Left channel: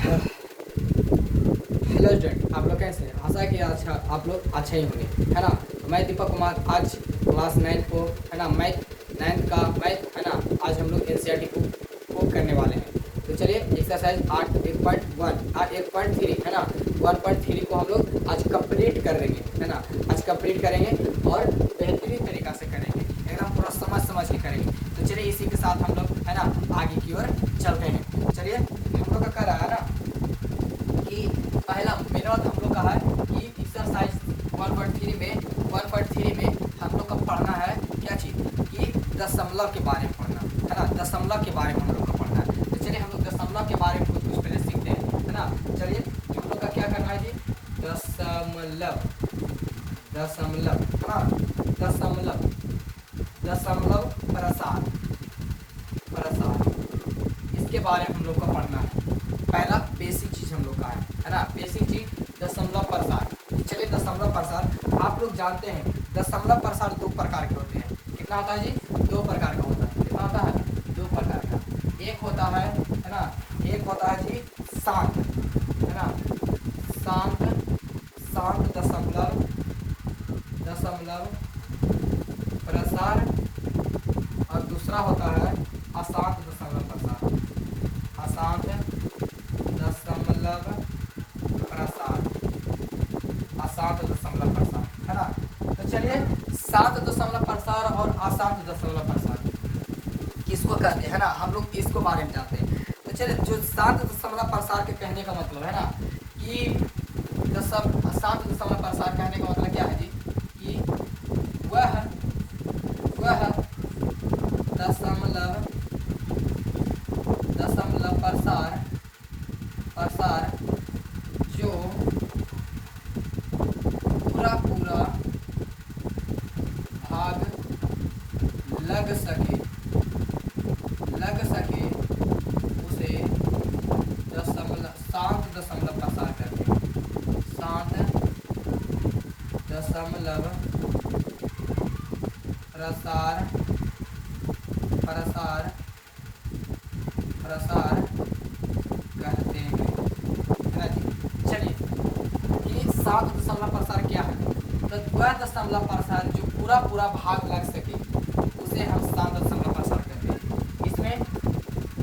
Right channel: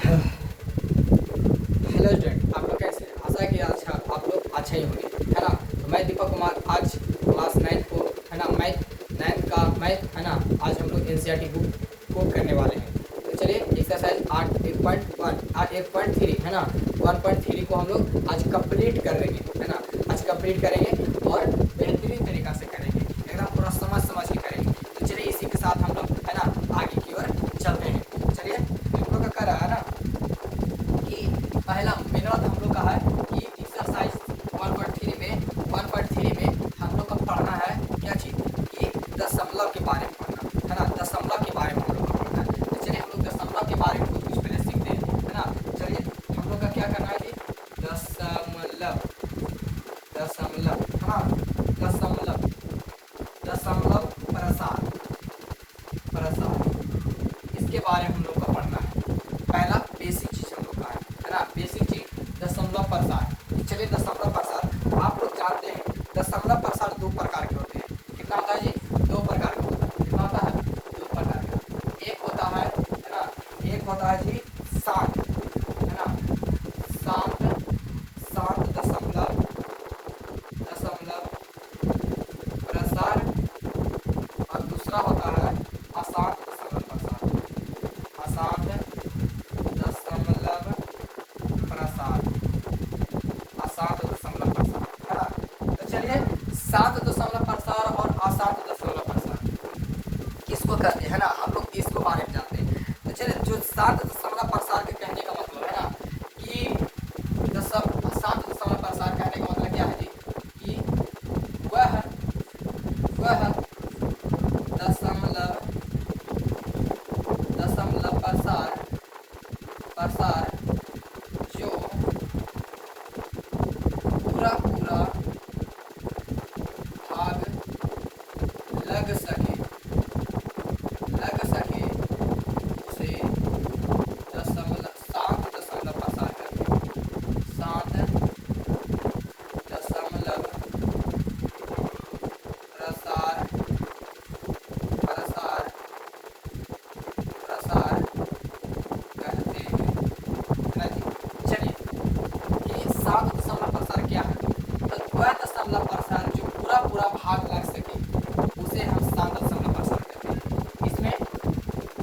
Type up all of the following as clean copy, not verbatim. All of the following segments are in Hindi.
हेलो स्टूडेंट, आप लोग कैसे हैं? आशा है कि अच्छा आप लोग अच्छे ही होंगे, है ना। तो मैं दीपक कुमार आज क्लास 9 को, है ना, मैथ 9 का मैथ, है ना, आज हम लोग एनसीईआरटी बुक को करने वाले हैं। तो चलिए एक्सरसाइज 8 1.3, है ना, 1.3 को हम लोग आज कंप्लीट कर लेंगे, है ना। आज कंप्लीट करेंगे और बेहतरीन तरीक़ा से करेंगे, एकदम पूरा समझ के करेंगे। तो चलिए इसी के साथ हम लोग, है ना, आगे की ओर चलते हैं। चलिए हम लोग का कर रहा है ना कि पहला मेथड हम लोग का है कि एक्सरसाइज 1.3 में हम लोग का पढ़ना है क्या चीज़ कि दशमलव के बारे में पढ़ना, है ना। दशमलव के बारे में हम लोग का पढ़ना है। तो चलिए हम लोग दशमलव के बारे में कुछ पहले सीखते हैं, है ना। चलिए हम लोग का क्या करना है जी, दशमलव, हाँ, दशमलव प्रसार, इसके बारे में हम लोग को पढ़ना है। पहला बेसिक चीज़ हम लोग का है ना, बेसिक चीज़ दशमलव प्रसार। चलिए दशमलव प्रसार आप लोग जानते हैं, दशमलव प्रसार 2 प्रकार के होते हैं। कितना होता है जी? 2 प्रकार का होता है। कितना होता है? 2 प्रकार का। एक होता है ना, एक होता है जी शांत, है ना, शांत शांत दशमलव प्रसार, और दूसरा होता है अशांत दशमलव प्रसार, अशांत दशमलव प्रसार, अशांत दशमलव प्रसार, है ना। तो चलिए शांत दशमलव प्रसार और अशांत दशमलव प्रसार किसको कहते हैं, है ना, हम लोग इसको बारे में जानते हैं। तो चलिए जो शांत दशमलव प्रसार के कहने का मतलब है ना कि शांत दशमलव प्रसार कहने का मतलब क्या है जी कि वह दशमलव प्रसार जो पूरा भाग लग सके उसे शांत दशमलव प्रसार करते हैं। शांत दशमलव प्रसार कहते हैं ना जी। चलिए ये शांत दशमलव प्रसार क्या है? तो वह दशमलव प्रसार जो पूरा भाग लग सके उसे हम शांत दशमलव प्रसार कहते हैं। इसमें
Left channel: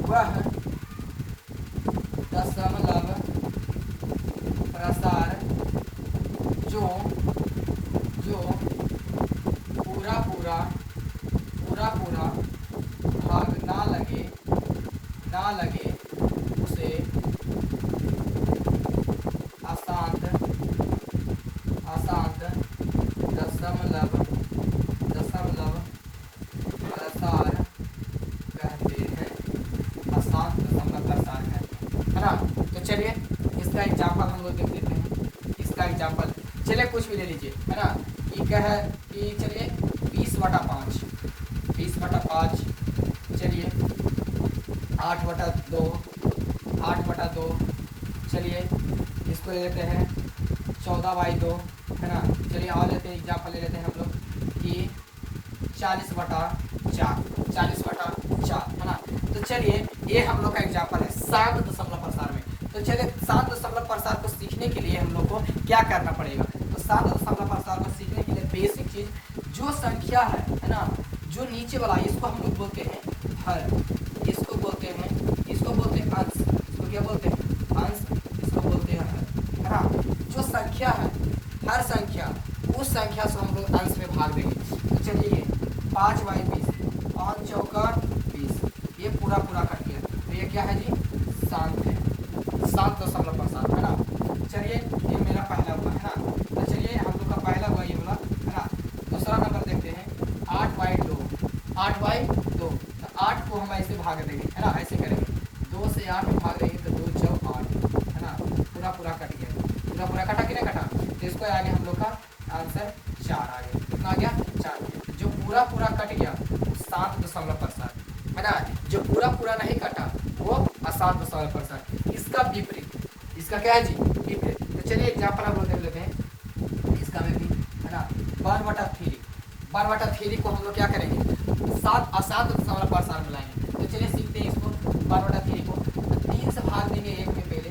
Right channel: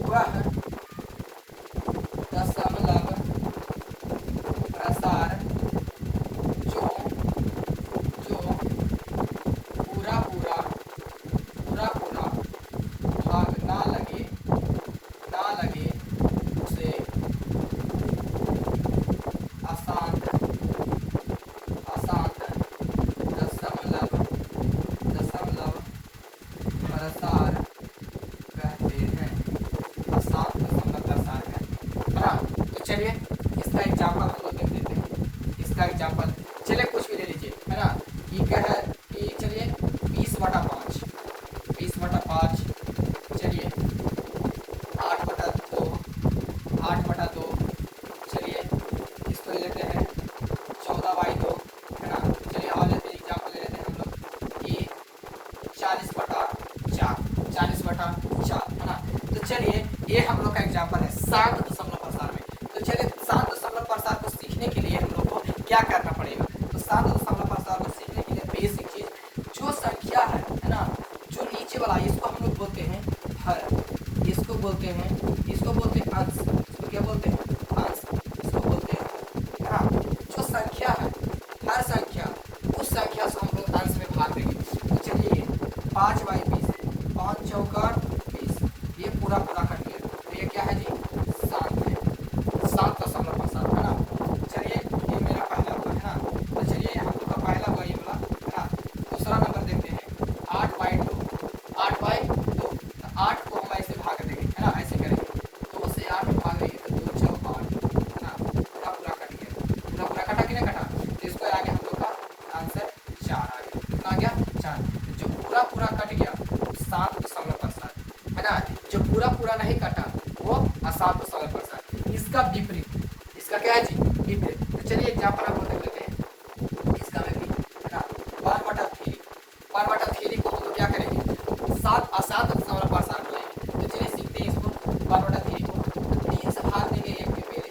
वह दशमलव प्रसार जो पूरा भाग ना लगे उसे अशांत दशमलव प्रसार कहते हैं, अशांत दशमलव प्रसार है ना। तो चलिए इसका एग्जाम्पल हम लोग देख लेते हैं। इसका एग्जाम्पल चलिए कुछ भी ले लीजिए, है ना। ये कह है कि चलिए 20/5, चलिए 8/2, चलिए इसको ले लेते हैं 14/2, है ना। चलिए और लेते हैं एग्जाम्पल ले लेते हैं हम लोग कि 40/4, है ना। तो चलिए ये हम लोग का एग्जाम्पल है शांत दशमलव प्रसार में। तो चलिए शांत दशमलव प्रसार को सीखने के लिए हम लोग को क्या करना पड़ेगा? तो शांत दशमलव प्रसार को सीखने के लिए बेसिक चीज जो संख्या है ना, जो नीचे वाला इसको हम लोग बोलते हैं हर, इसको बोलते हैं अंश, इसको क्या बोलते हैं? अंश, इसको बोलते हैं हर, है ना। जो संख्या है, हर संख्या, उस संख्या से हम लोग अंश में भाग देंगे। तो चलिए 5/20, 5 चौका 20, ये पूरा कट गया। तो ये क्या है जी? शांत है, शांत दशमलव प्रसार, है ना। चलिए ये मेरा पहला हुआ, है ना। तो चलिए हम लोग का पहला हुआ ये वाला, है ना। दूसरा नंबर देखते हैं 8/2, 8 को हम ऐसे भाग देंगे, है ना, ऐसे करेंगे 2 से 8 में भाग देंगे तो 2 चौका 8, है ना। पूरा कट गया, पूरा कटा कि नहीं कटा? तो इसको आगे हम लोग का आंसर 4 आ गया। कितना आ गया? 4। जो पूरा कट गया शांत दशमलव प्रसार, है ना। जो पूरा नहीं कटा वो अशांत दशमलव प्रसार। इसका विपरीत, इसका क्या है जी? विपरीत। तो चलिए एग्जाम्पल हम लोग देख लेते हैं इसका विपरीत, है ना। 1/3 को हम लोग क्या करेंगे? अशांत दशमलव प्रसार में लाएंगे। तो चलिए सीखते हैं इसको। 1/3 को 3 से भाग देंगे 1 के पहले,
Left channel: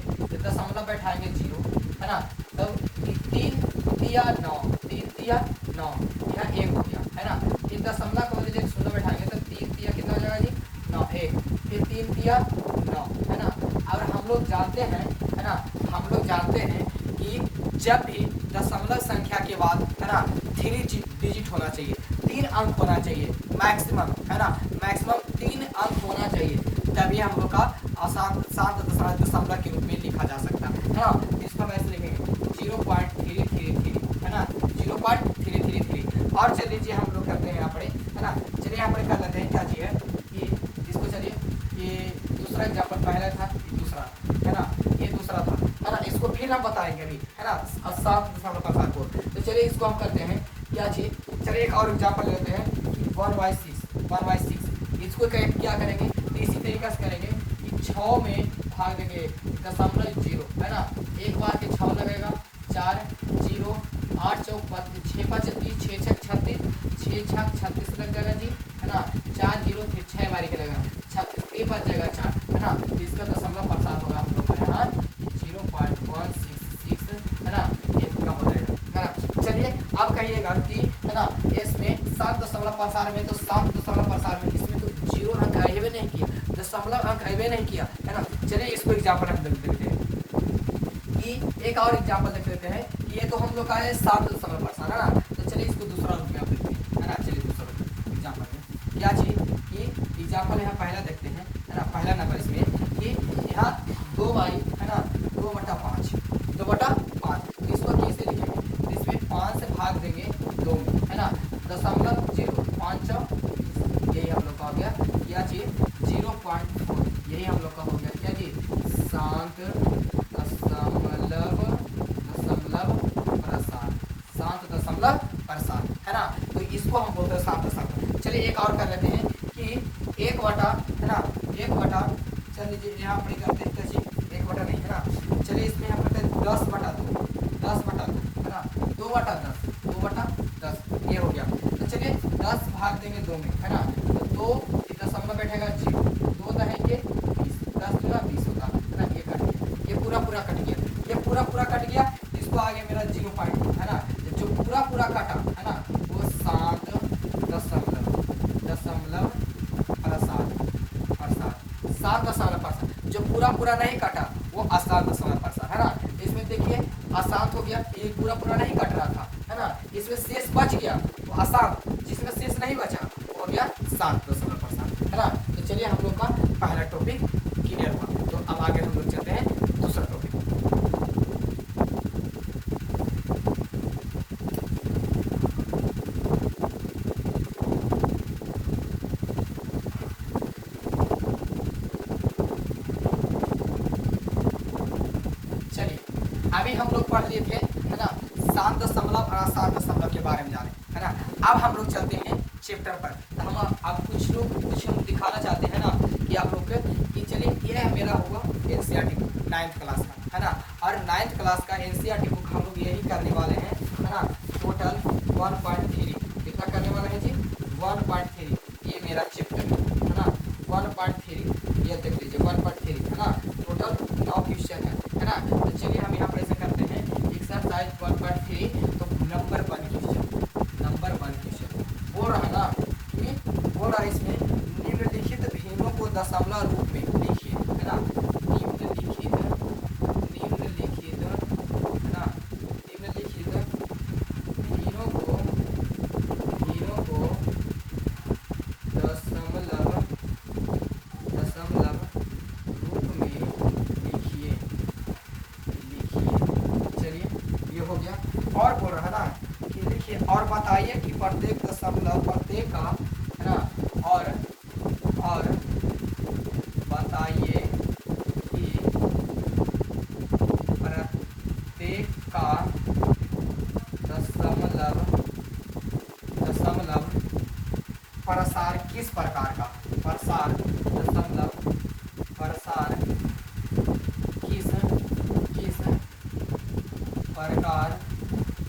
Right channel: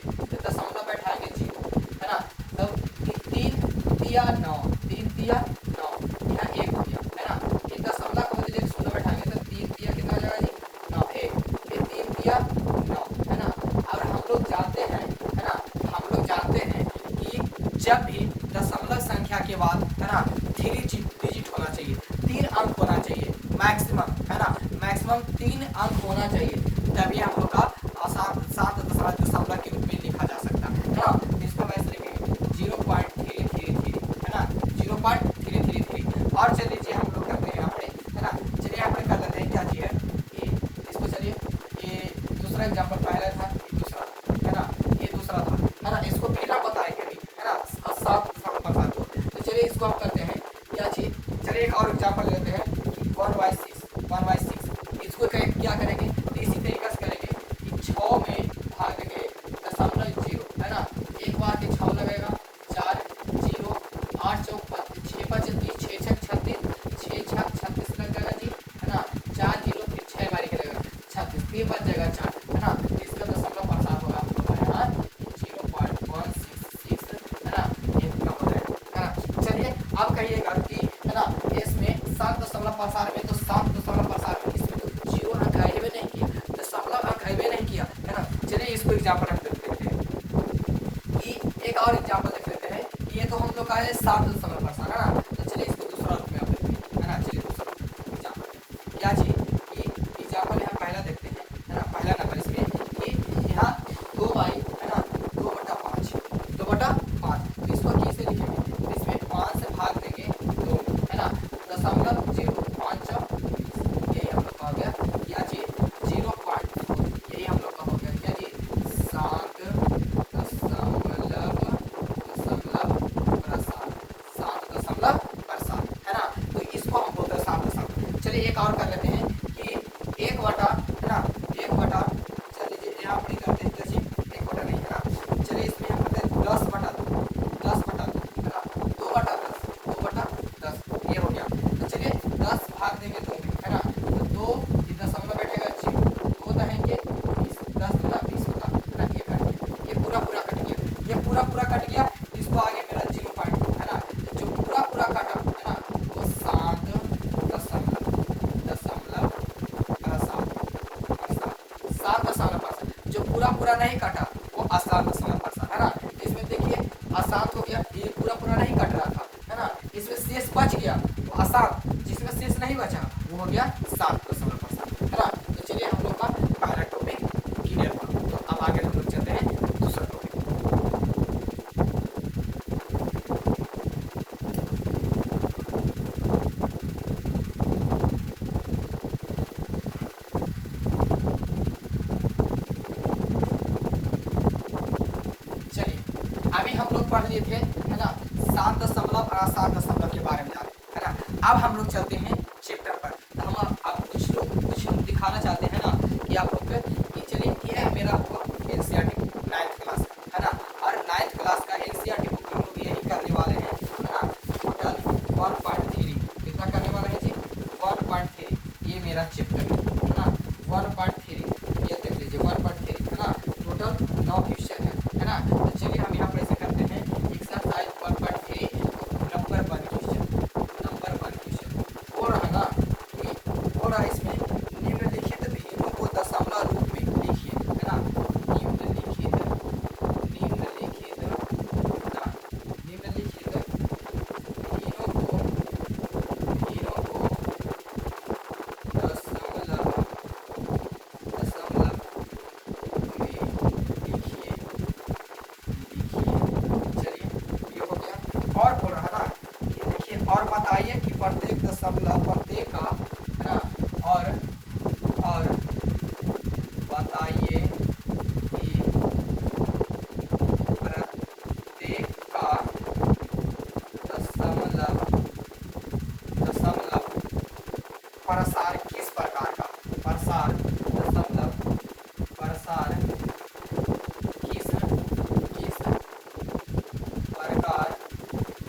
हम लोग जानते हैं, है ना, हम लोग जानते हैं कि जब भी दशमलव संख्या के बाद, है ना, 3 डिजिट होना चाहिए, 3 अंक होना चाहिए मैक्सिमम, है ना, मैक्सिमम 3 अंक होना चाहिए, तभी हम लोग का सात दशमलव के रूप में लिखा जा सकता है ना। इसको मैं लिखेंगे 0.333, है ना, 0.333। और चल लीजिए हम लोग करते हैं यहाँ पे, है ना, चलिए यहाँ पे कर लेते हैं क्या चाहिए कि इसको, चलिए ये दूसरा एग्जाम्पल पहला था, दूसरा, है ना, ये दूसरा था, है ना, इसको फिर हम बताएंगे, है ना, 7 को। तो चलिए इसको हम करते हैं क्या चीज, चलिए एक और एग्जाम्पल लेते हैं 1/6। इसको क्या करेंगे, इसी तरीके से करेंगे कि 6 में भाग देंगे 0.0, है ना, एक बार के 6 लगेगा, 4 0 8 चौक 6 5 30 6 6 36 6 6 36 लग जाएगा जी, है ना, 4 0 फिर 6 बारी के लगेगा 36, ये बच जाएगा 4, है ना। तो इसका दशमलव प्रसार होगा हम लोग का यहाँ 0.166, है ना, ये कम हो जाएगा, है ना। चलिए अब कहिएगा कि, है ना, इसमें 7 दशमलव प्रसार में, तो 7 दशमलव प्रसार में इसमें तो 0 अंक आएगा नहीं किया, दशमलव अंक आएगा नहीं किया, है ना। चलिए इसको एग्जाम्पल रख देते हैं कि एक और एग्जाम्पल देख लेते हैं, ये तो हम लोग का है 7 दशमलव प्रसार, है ना। तो चलिए इसको दूसरा रूप में आप देखते हैं, है ना। चलिए दूसरा एग्जाम्पल क्या चाहिए कि एग्जाम्पल यहाँ पहला देखते हैं, है ना, पहला नंबर इसमें कि यहाँ 2/, है ना, 2/5, 2/5। इसको कैसे लिखेंगे, इसमें 5 से भाग देंगे 2, है ना, दशमलव 0.5, यही हम लोग का हो गया, क्या चाहिए 0.4, यही हम लोग का हो गया क्या जी 7 दशमलव प्रसार, है ना। तो इसको हम बोलते हैं 7 दशमलव। चलिए एक और कर लेते हैं कि 1/, है ना, 1/, चल लीजिए यहाँ पर करते हैं कैसे 1/, नहीं, है ना। चलिए इसमें हम करते हैं 10/2, 10/2, है ना, 2/10, 2/10, ये हो गया। तो चलिए 10 भाग देंगे 2 में, है ना, 2 दशमलव बैठेगा 0, 2 रहेंगे 20, 10 गुना 20 होगा, है ना। ये पूरा कट गया, ये पूरा कट गया, इसको आगे मेरा 0.2, है ना, जो पूरा कटा, है ना, वो 7 दशमलव जो पूरा नहीं कटा वो अशांत दशमलव प्रसार, है ना। इसमें देखिए अशांत हो गया, ये पूरा नहीं कट रहा था, है ना, इसमें शेष बच गया, तो अशांत जिसमें शेष नहीं बचा वो हो गया 7 दशमलव प्रसार, है ना। तो चलिए हम लोग का पहला टॉपिक क्लियर हुआ, तो अब आगे हम लोग चलते हैं दूसरा टॉपिक। अभी हम लोग पढ़ लिए थे, है ना, 7 दशमलव और 7 दशमलव के बारे में जाने, है ना। अब हम लोग चलते हैं चैप्टर पर, तो हम आप कुछ लोग दिखाना चाहते हैं ना कि आप लोग कि चलिए ये मेरा होगा एनसीईआरटी 9th क्लास का, है ना, और 9th क्लास का एनसीईआरटी बुक हम लोग यही करने वाले हैं, है ना। टोटल 1.3 कितना करने वाले हैं जी 1.3, ये मेरा चैप्टर है ना, 1.3, ये देख लीजिए 1.3, है ना, टोटल 9 क्वेश्चन है ना। तो चलिए हम यहाँ कैसे करते हैं एक्सरसाइज 1.3, नंबर 1 क्वेश्चन बोल रहा है ना, बोल रहा है इसमें निम्नलिखित भिन्नों को दशमलव रूप में लिखिए, है ना, निम्नलिखित भिन्नों को दशमलव रूप में लिखिए। चलिए ये हो गया, और बोल रहा है ना कि देखिए और बताइए कि प्रत्येक दशमलव प्रत्येक का, है ना, और बताइए कि प्रत्येक का दशमलव प्रसार किस प्रकार का, प्रसार दशमलव प्रसार किस प्रकार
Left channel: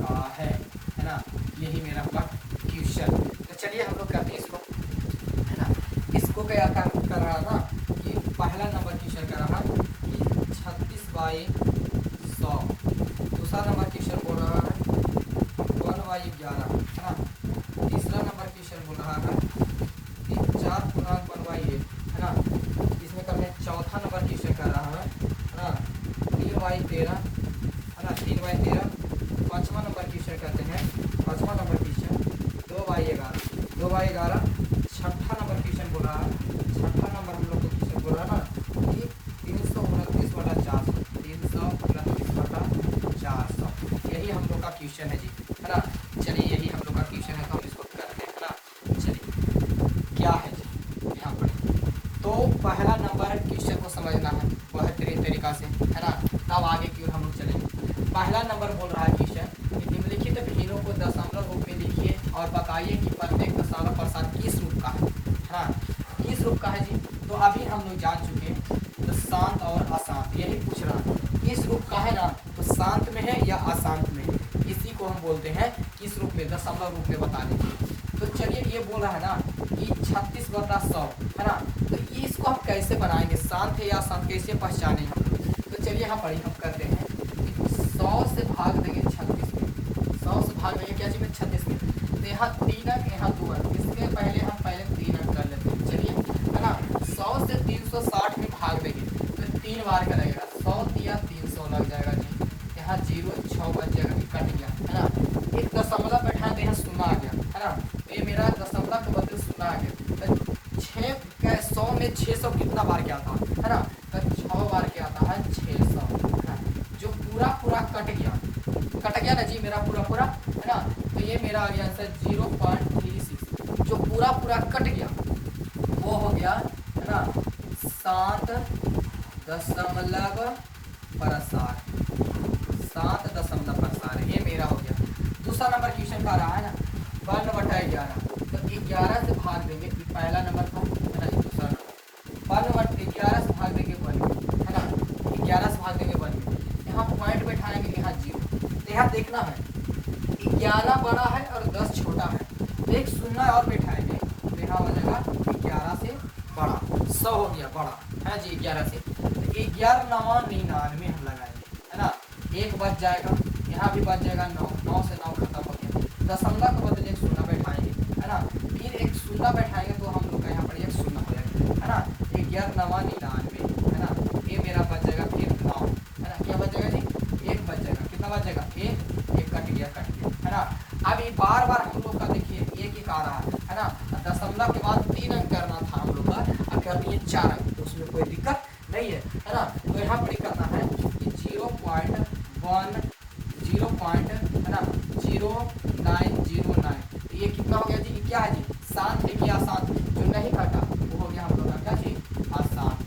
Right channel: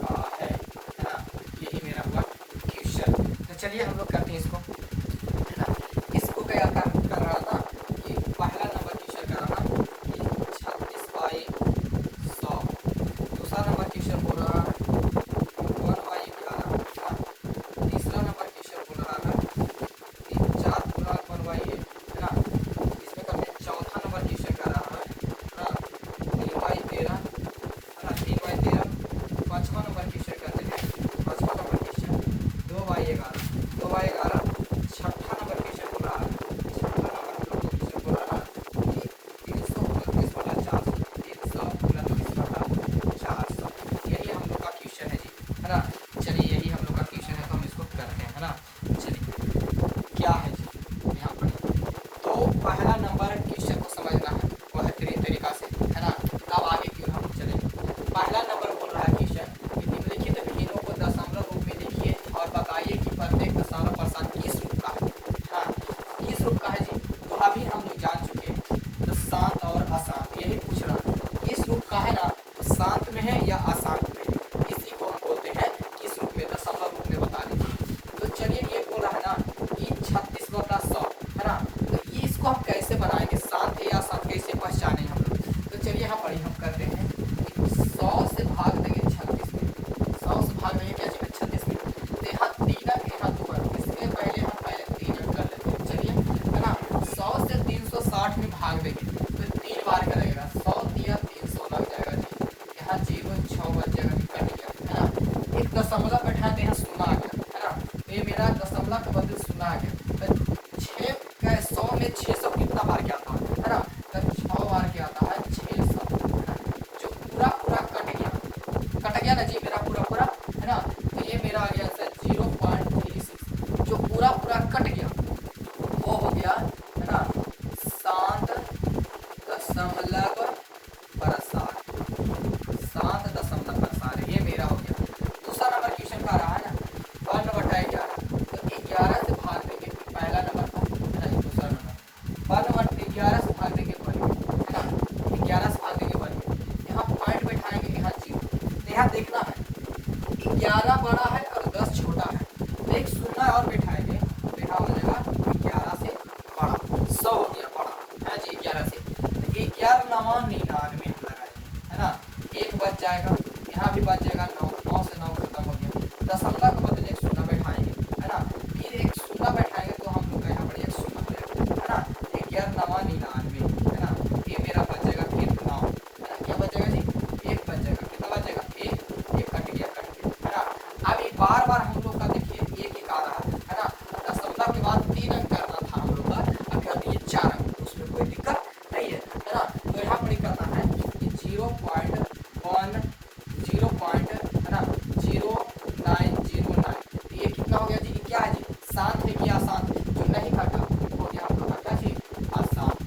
का है ना, यही मेरा हुआ क्वेश्चन। तो चलिए हम लोग करते हैं इसको, है ना। इसको क्या कर रहा था कि पहला नंबर क्वेश्चन कर रहा है 36/100, दूसरा नंबर क्वेश्चन बोल रहा है 1/11, तीसरा नंबर क्वेश्चन बोल रहा है 4 × 1/8, है ना। इसमें करते हैं चौथा नंबर क्वेश्चन कर रहा है अब आगे की ओर हम लोग चलेंगे। पहला नंबर बोल रहा है क्वेश्चन कि निम्नलिखित भिन्नों को दशमलव रूप में लिखिए और बताइए कि प्रत्येक दशमलव प्रसार किस रूप का है। हाँ, किस रूप का है जी? तो अभी हम लोग जान चुके हैं, तो शांत और अशांत यही पूछ रहा हूँ, किस रूप का है ना, तो शांत में है या अशांत में है, इसी को हम बोलते हैं किस रूप में, दशमलव रूप में बता दीजिए। तो चलिए ये बोल रहा है ना कि 36/100 है ना, तो इसको हम कैसे बनाएंगे, शांत या अशांत कैसे पहचाने हम लोग? तो चलिए यहाँ पर ही हम करते हैं 100 से भाग देंगे 36 में, 100 से भाग देंगे क्या चीज 36 में, तो यहाँ 3 अंक यहाँ 2 अंक, इसलिए पहले 3 अंक कर लेते हैं। चलिए है ना, 100 से 360 में भाग देंगे तो 3 बार का लगेगा, 100 दिया 300 लग जाएगा जी, यहाँ 0 6 बच जाएगा, कट गया है ना। एक दशमलव बैठा दे, यहाँ शून्य आ गया है ना, ये मेरा दशमलव के बदले शून्य आ गया, तो 100 में 600 कितना बार क्या आता है ना, तो 6 बार क्या आता है 600 है ना, जो पूरा कट गया ना जी मेरा पूरा है ना, तो ये मेरा आ गया सर 0.36, जो पूरा कट गया वो हो गया है ना 7.प्रसार, ये मेरा हो गया। दूसरा नंबर क्वेश्चन का रहा है ना 1/11, तो 11 से भाग देंगे, पहला नंबर था है ना, दूसरा नंबर 1/11 से भाग देंगे 1 है ना, 11 से भाग देंगे 1, यहाँ पॉइंट बैठाएंगे यहाँ 0, तो यहाँ देखना है 11 बड़ा है और 10 छोटा है, तो एक शून्य और बैठाएंगे तो यहाँ हो जाएगा 11 से बड़ा, 100 हो गया बड़ा है जी 11 से, तो 11×9 = 99 हम लगाएंगे है ना, 1 बच जाएगा, यहाँ भी बच जाएगा 9, 9 से 9 खत्म हो गया, दशमलव के बदले एक शून्य बैठाएंगे है ना, फिर एक शून्य बैठाएंगे तो हम लोग यहाँ पर एक शून्य हो जाएगा है ना, 11×9 = 99 है ना, ये मेरा बच जाएगा फिर 9 है ना, क्या बच जाएगा जी 1 बच जाएगा, कितना बच जाएगा 1 कट गया है ना। अब ये बार हम लोग का देखिए एक आ रहा है ना, दशमलव के बाद 3 अंक करना था हम लोग का, अब कहते हैं 4 अंक, तो उसमें कोई दिक्कत नहीं है ना, तो यहाँ पर करना है 0.1 है ना 0909, तो ये कितना हो गया जी, क्या है जी शांत है क्या अशांत, जो नहीं घटा वो हो गया हम लोग क्या जी अशांत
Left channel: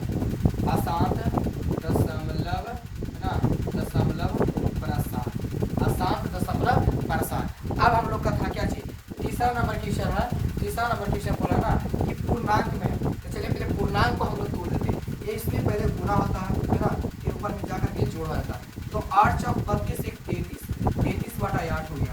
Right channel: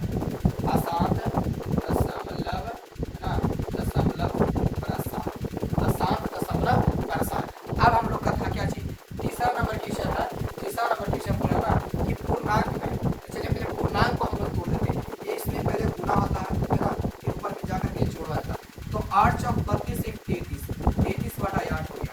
दशमलव है ना, दशमलव प्रसार। अब हम लोग का था क्या जी तीसरा नंबर क्वेश्चन है, तीसरा नंबर क्वेश्चन बोला ना कि पूर्णांक में, तो चलिए पहले पूर्णांक को हम लोग तोड़ लेते हैं, ये इसमें पहले गुणा होता है ना, ऊपर में जाकर के जोड़ होता है, तो 8 × 32 = 33/8 हो गया,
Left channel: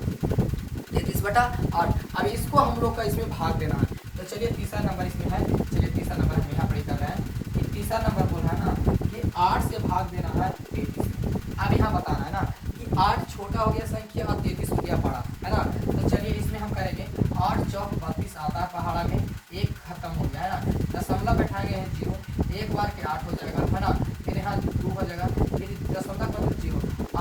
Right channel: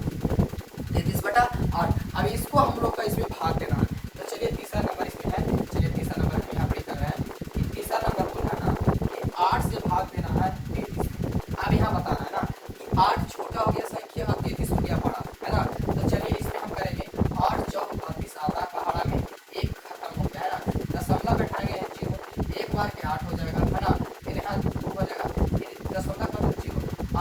33/8। अब इसको हम लोग का इसमें भाग देना है, तो चलिए तीसरा नंबर इसमें है, चलिए तीसरा नंबर हम यहाँ पे कर रहे हैं कि तीसरा नंबर बोला है ना कि 8 से भाग देना है 33 में। अब यहाँ बताना है ना कि 8 छोटा हो गया संख्या और 33 हो गया बड़ा है ना, तो चलिए इसमें हम करेंगे 8 × 32 आता है पहाड़ा में, 1 खत्म हो गया है ना, दशमलव बैठाएंगे 0, 1 बार के 8 हो जाएगा है ना, फिर यहाँ 2 हो जाएगा, फिर दशमलव पर 0,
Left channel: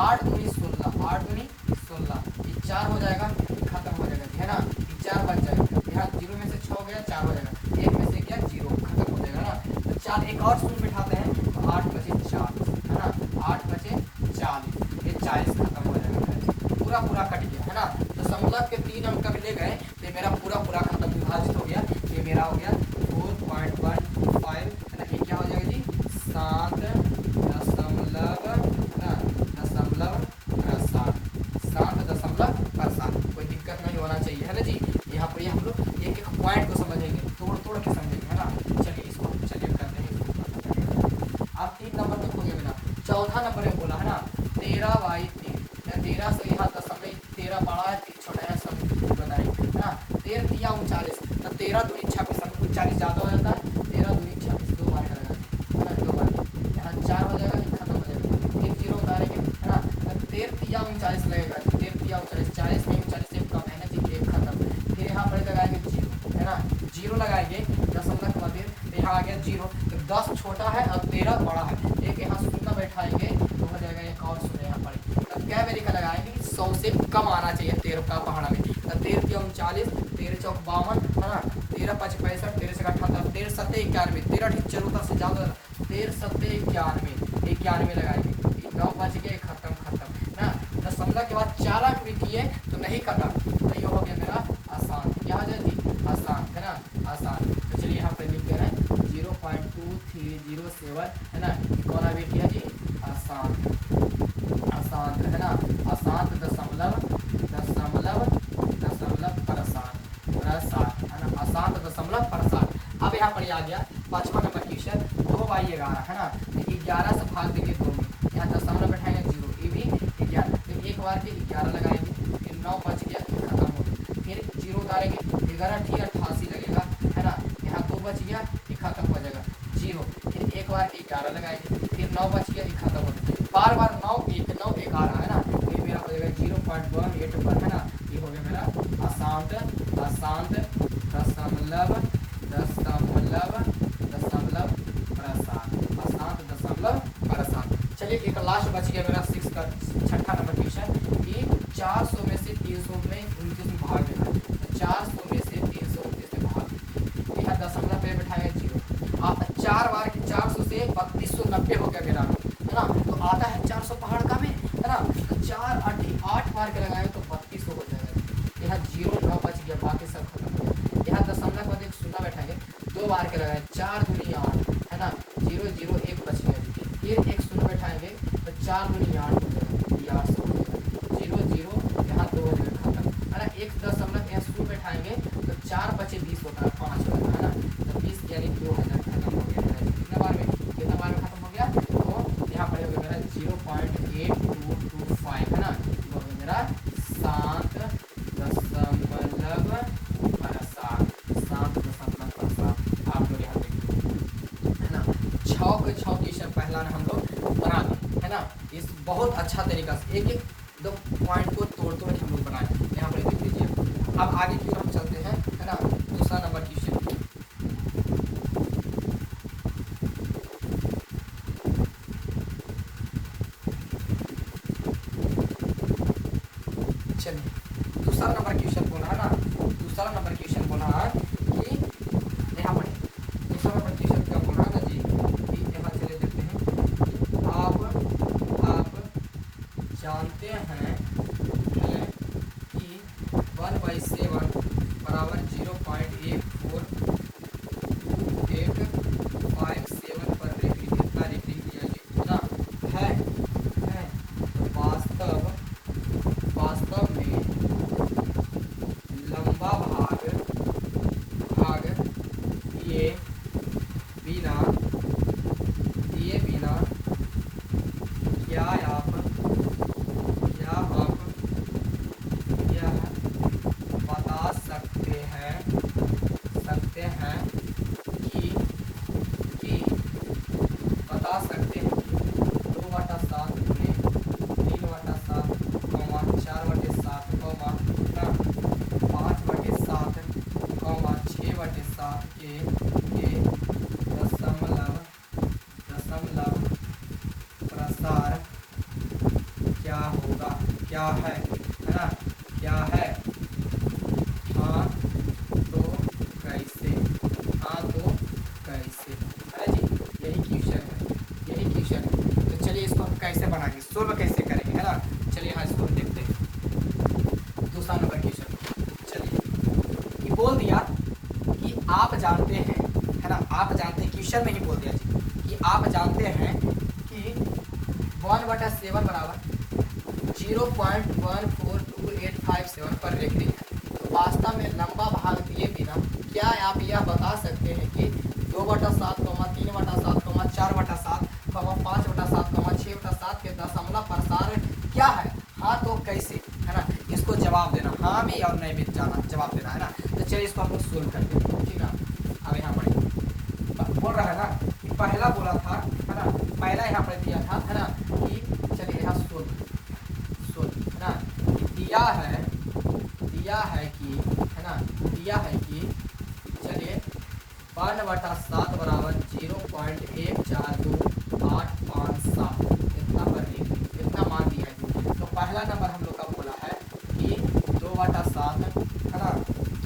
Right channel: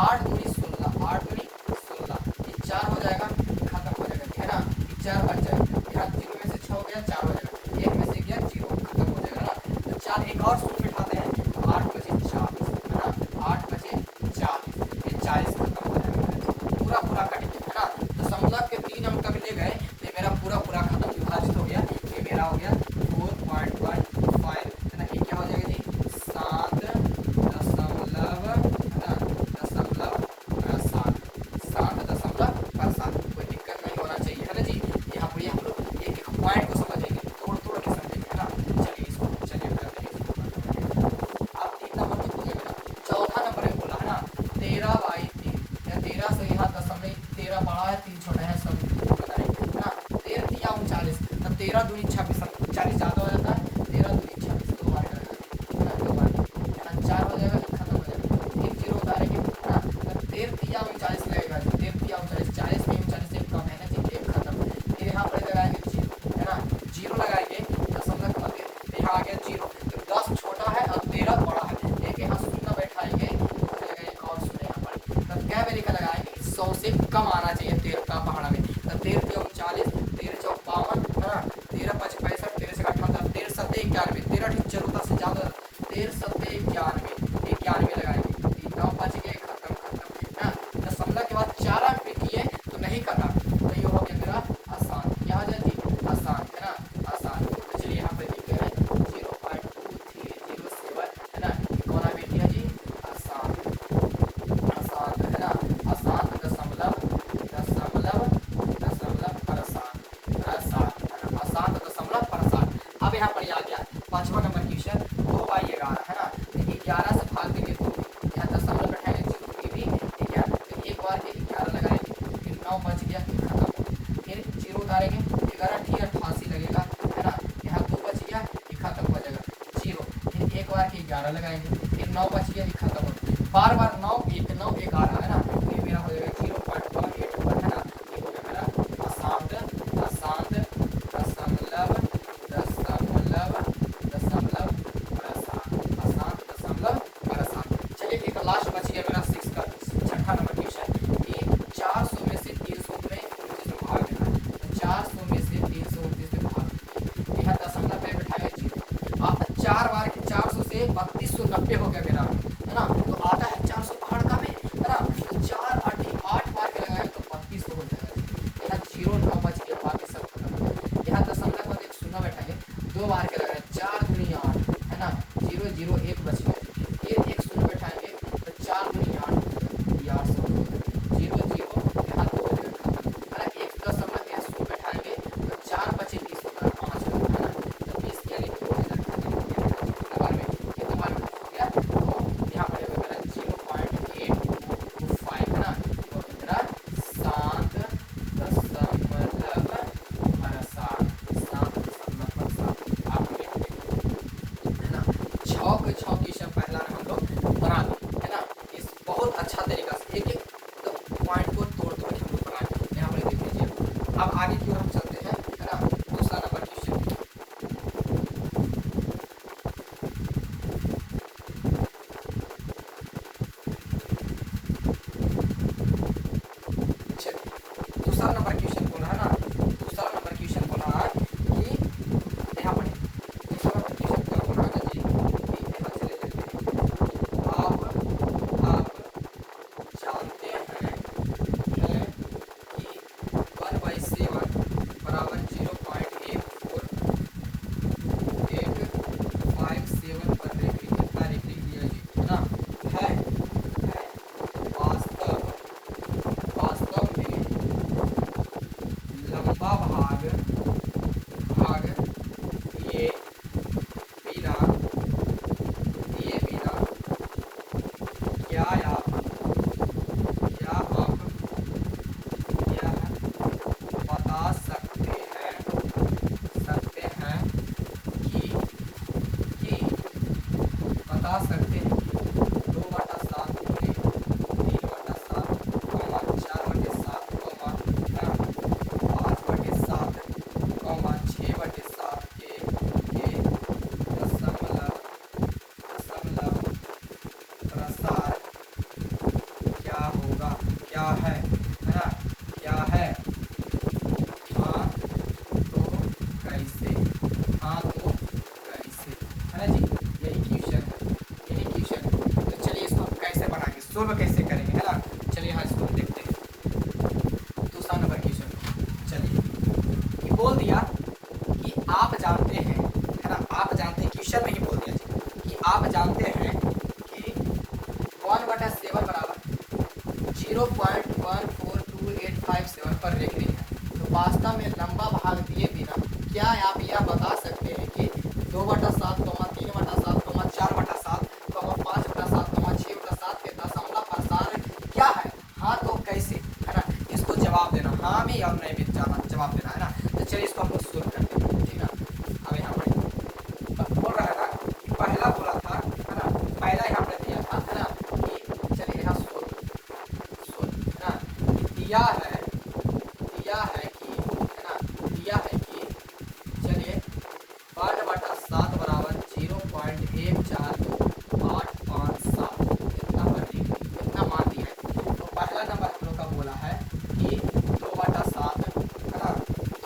8 दूनी 16, 8 दूनी 16, ये 4 हो जाएगा, खत्म हो जाएगा है ना, 4 बच जाएगा, यहाँ 0 में से 6 हो गया 4 हो जाएगा, 1 में से गया 0 खत्म हो जाएगा ना, तो 4 एक और शून्य बैठाते हैं, 8 बचे 40 है ना, 8 बचे 40, फिर 40 खत्म हो जाएगा, पूरा कट गया है ना, दशमलव के 3 अंक कब ले गए, तो मेरा पूरा खत्म विभाजित हो गया, ये मेरा हो गया 4.15 है ना, ये क्या हो जाएगी 7 दशमलव है ना, दशमलव प्रसार, कोई दिक्कत नहीं होना चाहिए है ना जी। यहाँ पर हम लोग एक पॉइंट को समझेंगे, तोड़ के समझेंगे है ना। चलिए इसको चलिए करते हैं, अब 3 नंबर तक हो गया बेटा। चौथा नंबर में बोला है ना 13/3, 13 से यहाँ दशमलव 13 बड़ा है 3 छोटा है, सब बताएंगे है ना। 13 × 39, 13 दूनी 26, 40 ज़्यादा हो जाता है, 13 दूनी 26, 2 बार है ना, 2 बार यहाँ 4 हो जाएगा, खत्म हो जाएगा, 1 0 उतारेंगे है ना, 13 × 39 लगेगा, 13 × 39, 40 में 39 से कम है ना जी, 1 खत्म, फिर यहाँ पर लगाएंगे 0 है ना, 0 लगाएंगे दशमलव के बाद, यहाँ आ गया 0, तो 10 छोटा है और 13 बड़ा है, एक यहाँ शून्य बैठाएंगे तो हो जाएगा एक और शून्य यहाँ पर, तब क्या वेरी का लगाएंगे कि 100 से कम आना चाहिए 13 का पहाड़ा में, 13 × 39, 13 × 54 है ना, 13 × 5 = 65, 13 से 58 भाग देंगे तो यहाँ दशमलव बैठाएंगे 0, ये भी 11, फिर एक बार के 11 लगाएंगे, फिर 9 बच गया, खत्म हो, फिर 0 उतारेंगे, 11 ठीक 88 लगेगा, है ना, यहाँ 2 बच गया, ये खत्म हो जाएगा 0, फिर एक बार के 11 लगाएंगे, फिर 9 बच गया, ये खत्म हो, बार बार 9 1 9 1 आ रहा है ना, तो ये मेरा हो जाएगा 0.181, है ना, ये हो गया मेरा अशांत अशांत दशमलव दशमलव दशमलव प्रसार अशांत दशमलव प्रसार। चलिए एक लास्ट बच गया मेरा 6 का 6ठा नंबर क्वेश्चन कि 400 में से 300 में 29 में भाग देना है, तो 400 में से 329 में भाग, यहाँ दशमलव पे बैठाया 0, आप 4 बार 400 से 3290 हो गया मेरा, है ना, तो आता है 400 पहाड़ का में, है ना, 4 8 बार के लगाए तो 32 हो जाएगा, यहाँ 0 9 बच गया, बाकी सब खत्म, यहाँ दशमलव बाद एक शून्य बैठाएंगे, 2 बार के लगाए 4 दूनी 8, है ना, 0 0 1 बच गया, फिर एक शून्य बैठाएंगे तो 4 दूनी 8 8 0 0 यहाँ 2 हो जाएगा खत्म, है ना, एक दशमलव यहाँ शून्य बैठाएंगे तो 4 बचे 20 होता है 5 का, है ना, तो 20 यानी 2000 खत्म हो गया, नंबर में कितना बार में खत्म हो गया, तो यहाँ पर मेरा 0.8225, है ना, तो मेरा शांत दशमलव प्रसार शांत दशमलव प्रसार आप लोग यहाँ पे, है ना, 6 के 6 क्वेश्चन पहला हम लोग बना लें, है ना, इस बहुत अच्छा तरीका से एक एक दो पॉइंट को तोड़ तोड़ हम लोग बनाए, यहाँ पर देख लीजिए। अब आगे की ओर हम चलते हैं, है ना, दूसरा नंबर क्वेश्चन, दूसरा नंबर क्वेश्चन बोला है ना, दूसरा नंबर क्वेश्चन बोला है कि यहाँ पर दूसरा नंबर क्वेश्चन क्या बोला है जी, कि यहाँ चले देखते हैं, आप जानते हैं कि 1/7 बराबर 0.842157 पर रेटिंग कितना रेटिंग दिया ना है वास्तव में लंबा भाग दिए बिना क्या आप यह बता सकते हैं कि बता सकते हैं कि 2/7 में 3/7 4/7 5/7 6/7 के दशमलव प्रसार क्या होगा, क्या है ना, क्या है, हाँ तो कैसे, हाँ तो कैसे, है ना जी, यही क्वेश्चन है, यही क्वेश्चन है, तो चलिए इसको हम कैसे बनाएंगे, सोल्व कैसे करेंगे, है ना, चलिए हाँ इसको देखते हैं, दूसरा नंबर क्वेश्चन, चलिए ये बोल दिया कि आप जानते हैं, है ना, आप जानते हैं, क्वेश्चन में ही बोल दिया कि आप जानते हैं कि 1/7 बराबर 0.14287 पर रेखनी है, तो वास्तव में लंबा भाग दिए बिना क्या आप यह बता सकते हैं कि 2/7, 3/7, 4/7, 5/7, 6/7 के दशमलव प्रसार क्या है, हाँ तो कैसे, है ना, इसको जवाब देना, हाँ में और नहीं में जवाब देना, है ना, तो चलिए इसको हम लोग सोल्व करते हैं, ठीक है। अब यहाँ पर बोल रहा है ना कि पहला बोला था, है ना, पहला यहाँ पर दिया था, है ना, कि चलिए यहाँ सोल्व, है ना, दिया है कि, है ना, दिया है कि चलिए 1/7 बराबर 0.142857 इतना कर दीजिए, इतना मान दिया है, तो पहला नंबर हम लोग का बोला है कि 2/7, है ना,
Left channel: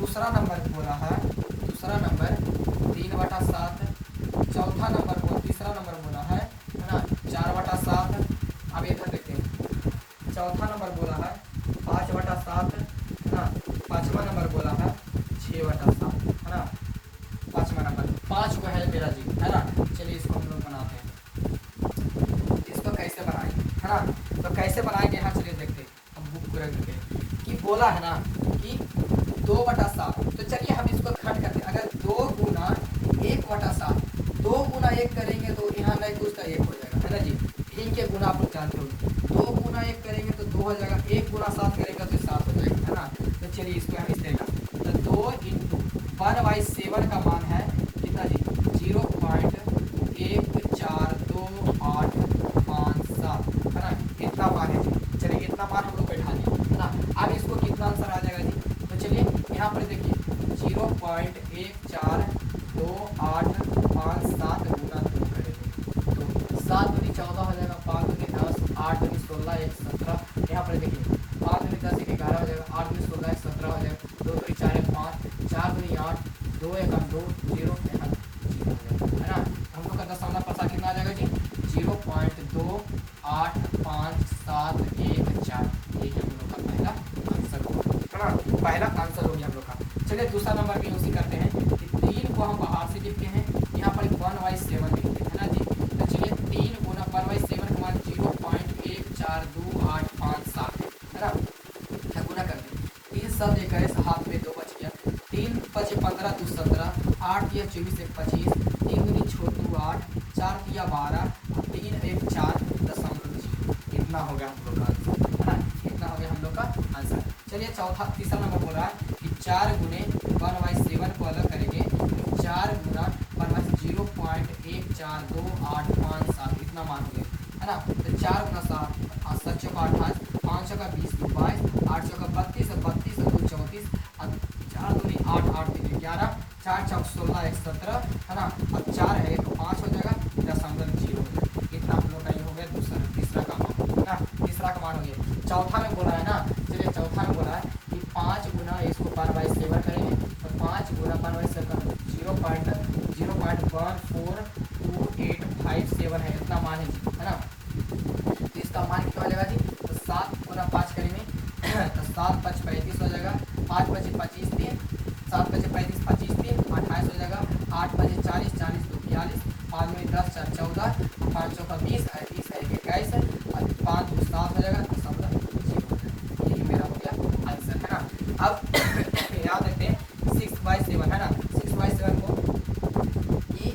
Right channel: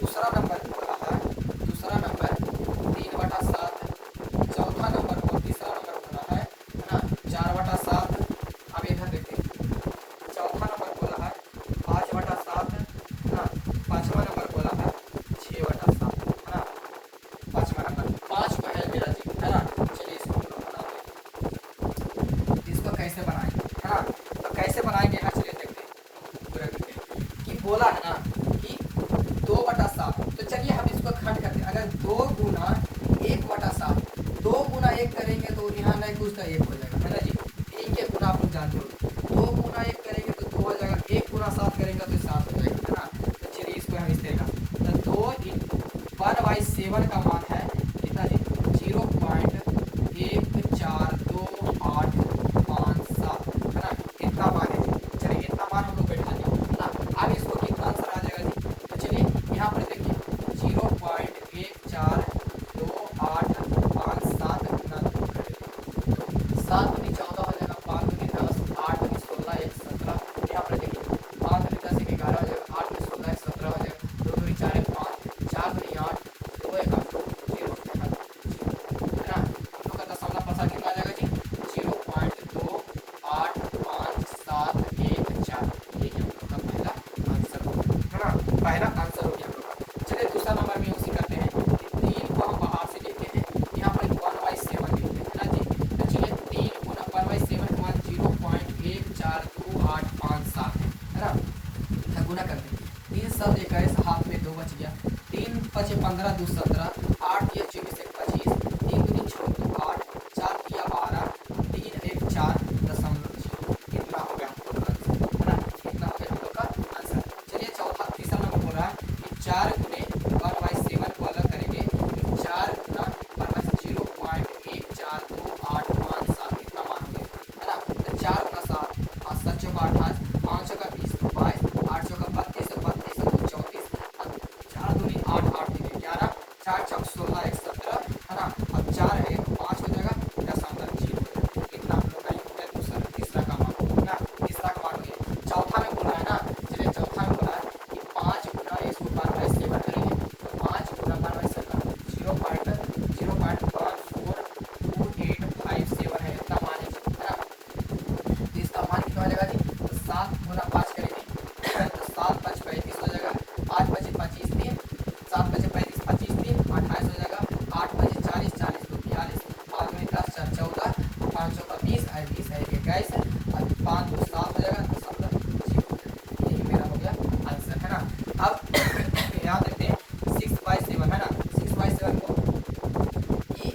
दूसरा नंबर बोला है, दूसरा नंबर 3/7, चौथा नंबर तीसरा नंबर बोला है ना 4/7, अब इधर देखते हैं, चौथा नंबर बोला है 5/7, है ना, पाँचवा नंबर बोला है 6/7, है ना, पाँचवा नंबर 5 का है मेरा जी, है ना, चलिए इसको हम लोग बनाते हैं, इसको कैसे बनाएंगे, है ना, तो कैसे बनाएंगे, यहाँ चलिए देखते हैं, हम बुक पूरा करके कि बोला है ना कि 2/7, तो चलिए हम इसको खट करते हैं, अगर 2 गुना 1/7, 2 गुना 1 करेंगे तो यहाँ नहीं कुछ 1 हो जाएगा, है ना जी, के गुना आप लोग जानते होंगे, 2 गुना 1 करेंगे तो 2 हो जाएगा, 1 गुना 7 करेंगे तो 7 हो जाएगा, है ना। तो चलिए इसको हम इस तरह तो 2 इंटू 1/7 का मान है कितना जी, 0.14285 है ना, इतना मान है जी। चलिए इतना मान हम लोग बैठा दें, है ना। अब इसको कितना आंसर आ जाएगा जी, तो चलिए यहाँ पर देखिए 0.14285 गुना 7 दूनी 14 हो जाएगा, 5 दूनी 10, 8 दूनी 16, 1 17। यहाँ पर देखिए 5 दूनी 10, 1 11 हो जाएगा, 8 दूनी 16, 1 17 हो जाएगा, 2 दूनी 4, 1 5, 4 दूनी 8, 2 1 2 0 है ना। हम लोग का दशमलव प्रसार कितना आ जाएगा जी, 0.285714। ये हम लोग का पहला आंसर हो, है ना, पहला आंसर हो गया हम लोग का। चलिए दूसरा नंबर भी उसी करते हैं, 3 को हम बाहर से लिखते हैं, यहाँ पर 1/7 लिखते हैं, है ना जी। तो चलिए 3 गुना 1/7 हुआ 0.142857, है ना। गुना करते हैं, 3 7 21, हाथ में 2 बच गया, 3 5 15 2 17, 8 या 24 1 25, 3 2 6 2 8, 4 या 12, 3 1 4 दशमलव, इतना हो गया हम लोग का आंसर, है ना। इतना हो गया हम लोग का आंसर। चलिए तीसरा नंबर बोल रहा है कि 4 गुने 1/7 को अलग करेंगे, 4 गुना 0.142857 इतना मान लिया, है ना। तो 4 का 7, 7 चौका 28, 5 का 20 22, 8 चौका 32, 32 2 34, 4 दूनी 8 8 तीन 11, 4 चौक 16 1 17, है ना। अब 4 है तो 5 हो जाएगा, दशमलव 0, इतना हम लोग का हो गया तीसरा का मान, है ना। तीसरा का मान हो गया। चौथा में बोला है ना, चलिए चौथा में बोला है कि 5 गुना इसको 1/7 करेंगे, तो 5 गुना 1/7 0.14285 है, इतना मान है ना। तो इसका मान कितना हो जाएगा जी, तो 7 गुना 5 करेंगे तो 7 5 35 हो जाएगा, 8 बजे 25 दिन, 7 बजे 35 25 दिन 28 हो जाएगा, 8 बजे 40 40 2 42, 5 में 10 4 14, 5 का 20 20 है 21, और 5 2 7 हो जाएगा, दशमलव 0, यही मेरा हो गया आंसर, है ना। अब यहाँ देखते हैं 6/7, है ना। 6/7 को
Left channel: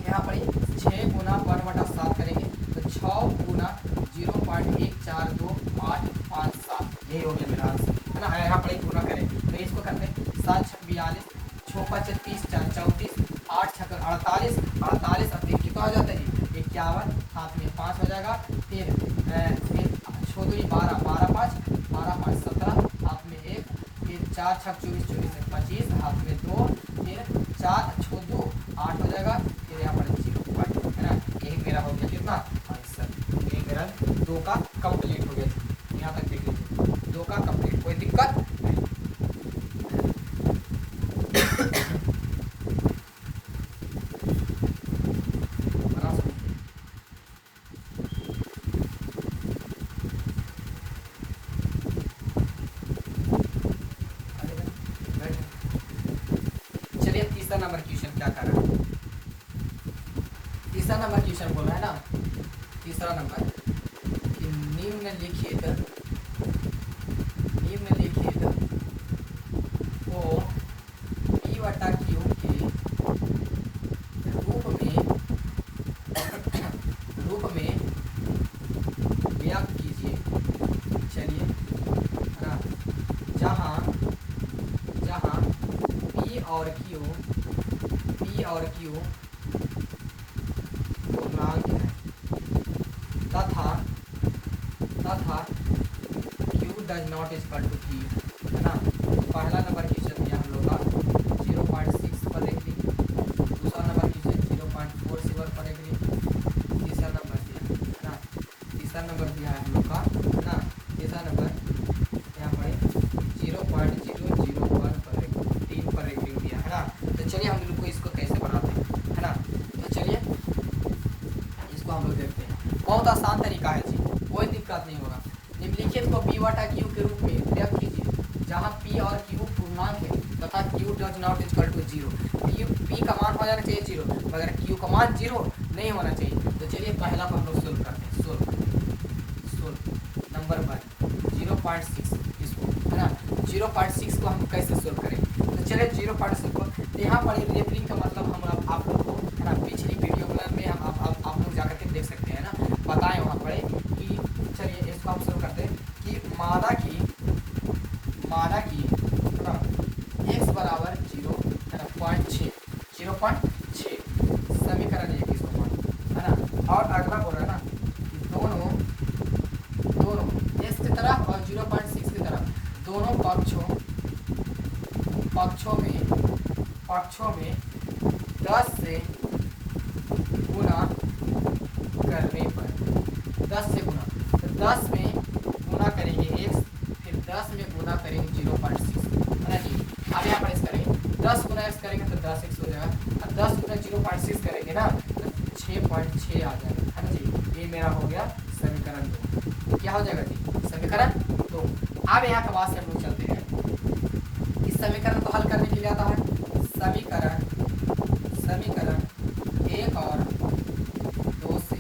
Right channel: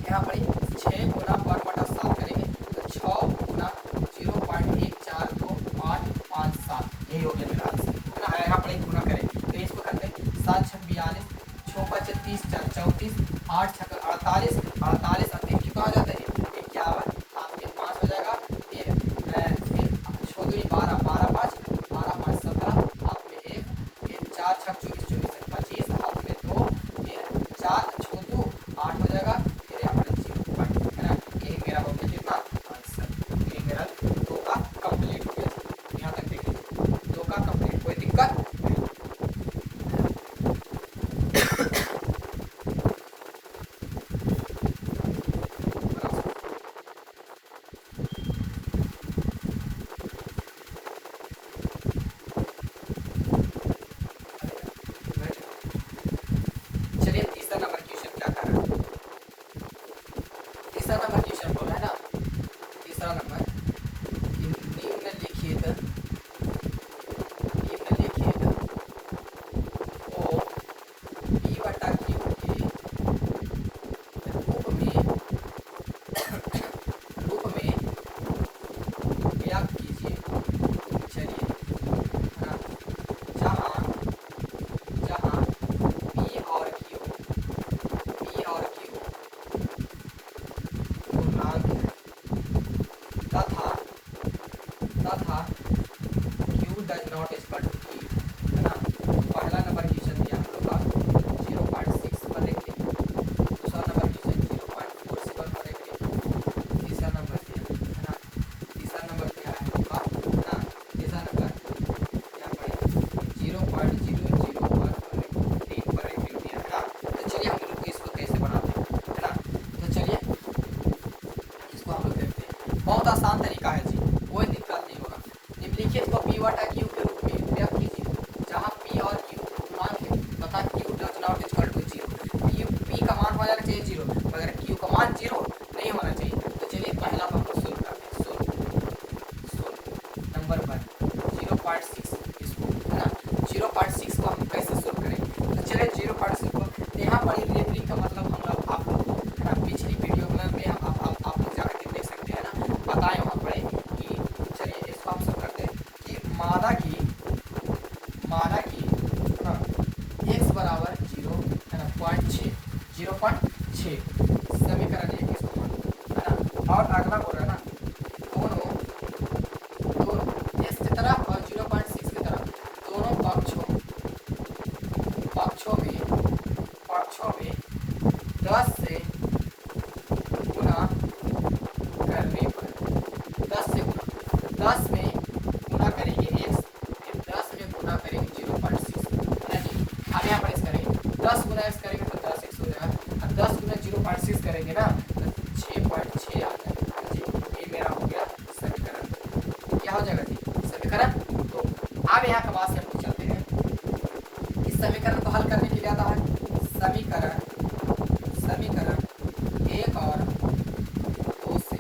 यहाँ पर 6 गुना 1/7 करेंगे तो 6 गुना 0.14285, यही हो गया मेरा आंसर, है ना। यहाँ पर एक गुना करें तो इसको करते हैं 7 6 42, 6 5 30 4 34, 8 6 48, 48 अब कितना हो जाता है 51, हाथ में 5 हो जाएगा, फिर 6 2 12 12 5 12 5 17, हाथ में 1, फिर 4 6 24 24 25, हाथ में 2, फिर 4 6 2 8 हो जाएगा, फिर यहाँ पर 0, है ना। यही मेरा हो गया कितना आंसर, यही मेरा 2 का कंप्लीट हो गया। यहाँ तक देखिए 2 का कंप्लीट, कोई दिक्कत नहीं। चलिए तीसरा नंबर क्वेश्चन क्या कर रहा है, तीसरा नंबर क्वेश्चन बोल रहा है ना। तीसरा नंबर कि निम्नलिखित को P/Q के रूप में व्यक्त कीजिए। चलिए जहाँ जहाँ P और Q पूर्णांक तथा Q does not equal to 3, है ना। पहला नंबर क्वेश्चन दिया हम लोग का 0.6 पर देखिए, दूसरा नंबर क्वेश्चन 0.47 पर देखिए, तीसरा नंबर दिया, है ना। तीसरा नंबर दिया है हम लोग का, है ना। तीसरा नंबर यहाँ पर 0.001 पर 3 पर दिया है ना। तो चलिए हम लोग को इसको कैसे बनाते हैं, है ना। तो चलिए इसको हम लोग देखते हैं, बहुत आसान तरीका है जी, कोई दिक्कत नहीं होगा। निम्नलिखित को P/Q के रूप में व्यक्त कीजिए जहाँ P और Q पूर्णांक है तथा Q does not equal to 0। P का मान हो जाना चाहिए 0, मगर Q का मान 0 नहीं होना चाहिए। तो चलिए पहला पेपर सोल्व करते हैं। सोल्व नंबर 1 0.6 इसको, है ना। 0.6 को हम कैसे सोल्व करेंगे, तो चलिए 0.6 को यहाँ पर लेबलिंग का मतलब हम आपको, है ना, पिछली वीडियो में आप लोग जाकर के देख सकते हैं ना, बताएं वहाँ पर कि पक्षों में 10 से गुना करने पर 10 से गुना, 10 में गुना करेंगे x, फिर 10 में गुना करेंगे 0.6 है ना जी। अब यहाँ पर इस करेंगे 10 गुना x करेंगे तो 10x हो जाएगा, और 10 गुना 0.6 करेंगे ना तो 6.6 आ जाएगा है ना जी। ये मेरा हो गया समीकरण 2। क्या हो जाएगा जी समीकरण 2। अब यहाँ के बाद से हम लोग चलते हैं, इस समीकरण को हल करने के लिए आता है समीकरण एक और दो से,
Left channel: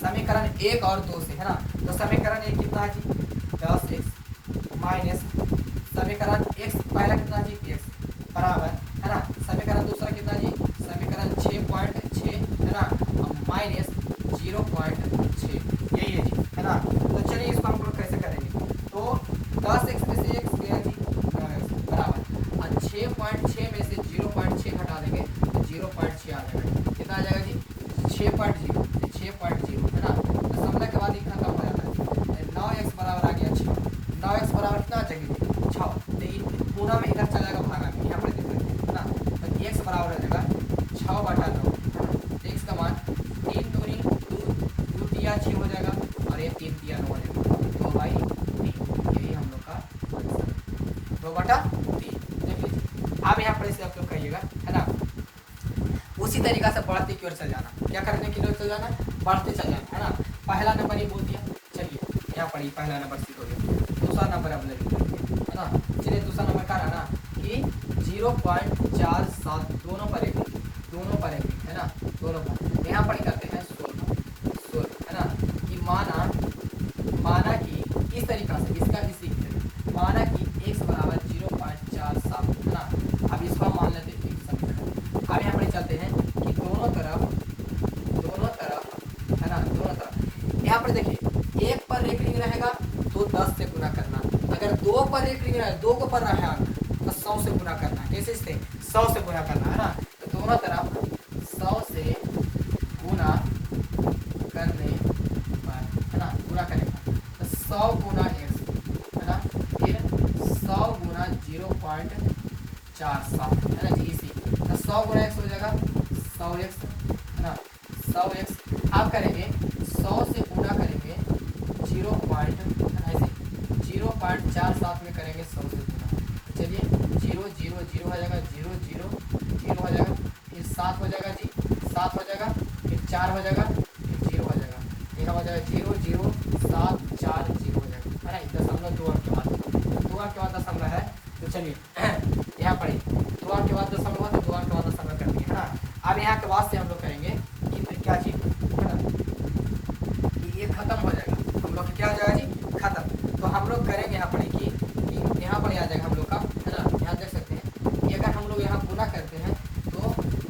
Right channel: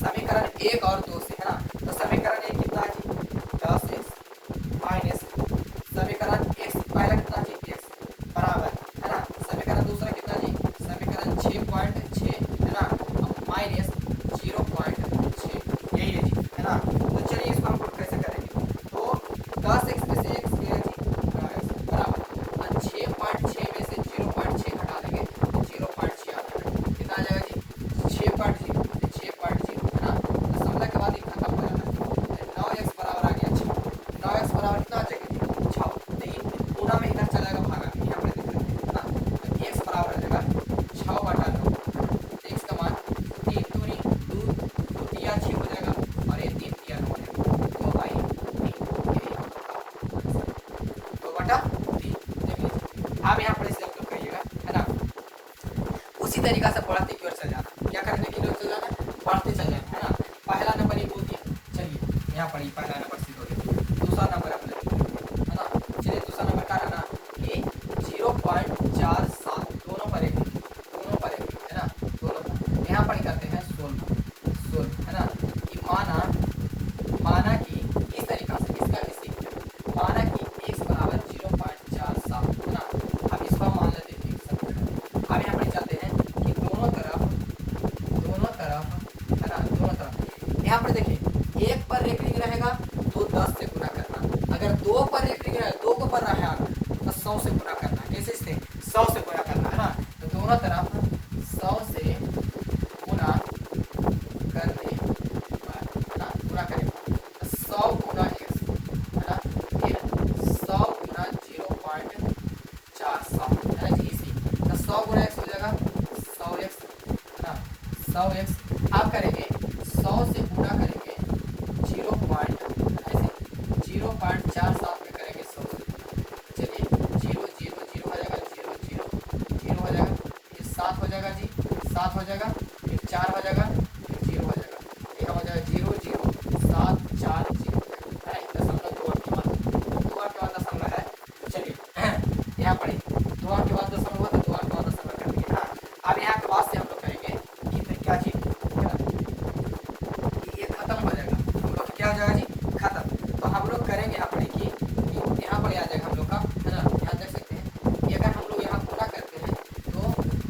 समीकरण 1 और 2 से है ना। तो समीकरण 1 कितना है जी 10x माइनस समीकरण x पहला कितना जी x बराबर है ना, समीकरण दूसरा कितना जी समीकरण 6.6 है ना माइनस 0.6, यही है जी है ना। तो चलिए इसको हम लोग कैसे करेंगे, तो 10x में से x गया जी बराबर, और 6.6 में से 0.6 घटा देंगे तो 0.6 आ जाएगा, कितना आ जाएगा जी 6.0 है ना। दशमलव के बाद ये खत्म हो जाता है, 9x बराबर आ गया 6, 9x बराबर कितना आ जाएगा 6, तो ये पूरा में इधर चला जाएगा भागा के यहाँ पर है ना, तो x बराबर हो जाएगा 6/9, x का मान 3 दूनी 2 तिया 6 हो जाएगा, और ये 3 तिया 9 हो जाएगा, तो भाई ये हम लोग का 2/3। अब यहाँ पर इसे आप लोग कहिएगा है ना, उसी तरीका से बढ़ते की ओर चल जाना, क्या करने के लिए चल जाना बढ़ते चल जाना है ना। पहला नंबर ये बोल दिया, चलिए यहाँ पर पहला नंबर सीधो देखिए, दूसरा नंबर अब लेते हैं है ना। चलिए दूसरा नंबर क्या रहना कि 0.47 दोनों पर एक है ना, दोनों पर यहाँ पर कहते हैं 16 है ना। कि माना कि इस तरीका से इसका भी सीखते हैं, माना कि x बराबर 0.47 है ना। अब इसको मान लेते हैं ठीक समीकरण। अब यहाँ पर चलते हैं कि दोनों तरफ है ना, दोनों तरफ यहाँ पर देखिए 1 पर रेटिंग रहेगा तो 10 से गुना करना, अगर 2 पर रेटिंग रहेगा 2 को पर रहेगा तो 100 से गुना करना, कैसे इससे 100 से गुना करना है ना। तो दोनों तरफ 100 से गुना करने है ना, गुना करेंगे तो 100 गुना x है ना, फिर 100 गुना 0.47 है ना जी, इसी तो 100 गुना x हो जाएगा 100x है ना, 100x। अब करेंगे 100 से गुणा करेंगे 0.47 में करेंगे 100 से गुणा, चलिए 0 0 0 हो जाएगा, 0 0 0 हो जाएगा, फिर 7 हो जाएगा जी 7 हो जाएगा, फिर 4 हो जाएगा, फिर 0 हो जाएगा, यह हो जाएगा 0 0 7 4 0 हो जाएगा है ना। दशमलव 2 अंक के बाद दशमलव है, तो चलिए यहाँ पढ़े 2 अंक के बाद दशमलव हुआ तो 2 अंक के बाद दशमलव कर दिया है। अब यहाँ के बाद से हम लोग करेंगे कि फिर क्या चीज ये खत्म हो जाएगा, हम लोग क्या हो जाएगा जी खत्म। तो हम लोग करेंगे यहाँ पर कि यहाँ पर आ जाएगा हम लोग का है ना, यहाँ देख सकते हैं कि अगर हम लोग यहाँ पूरा करते हैं तो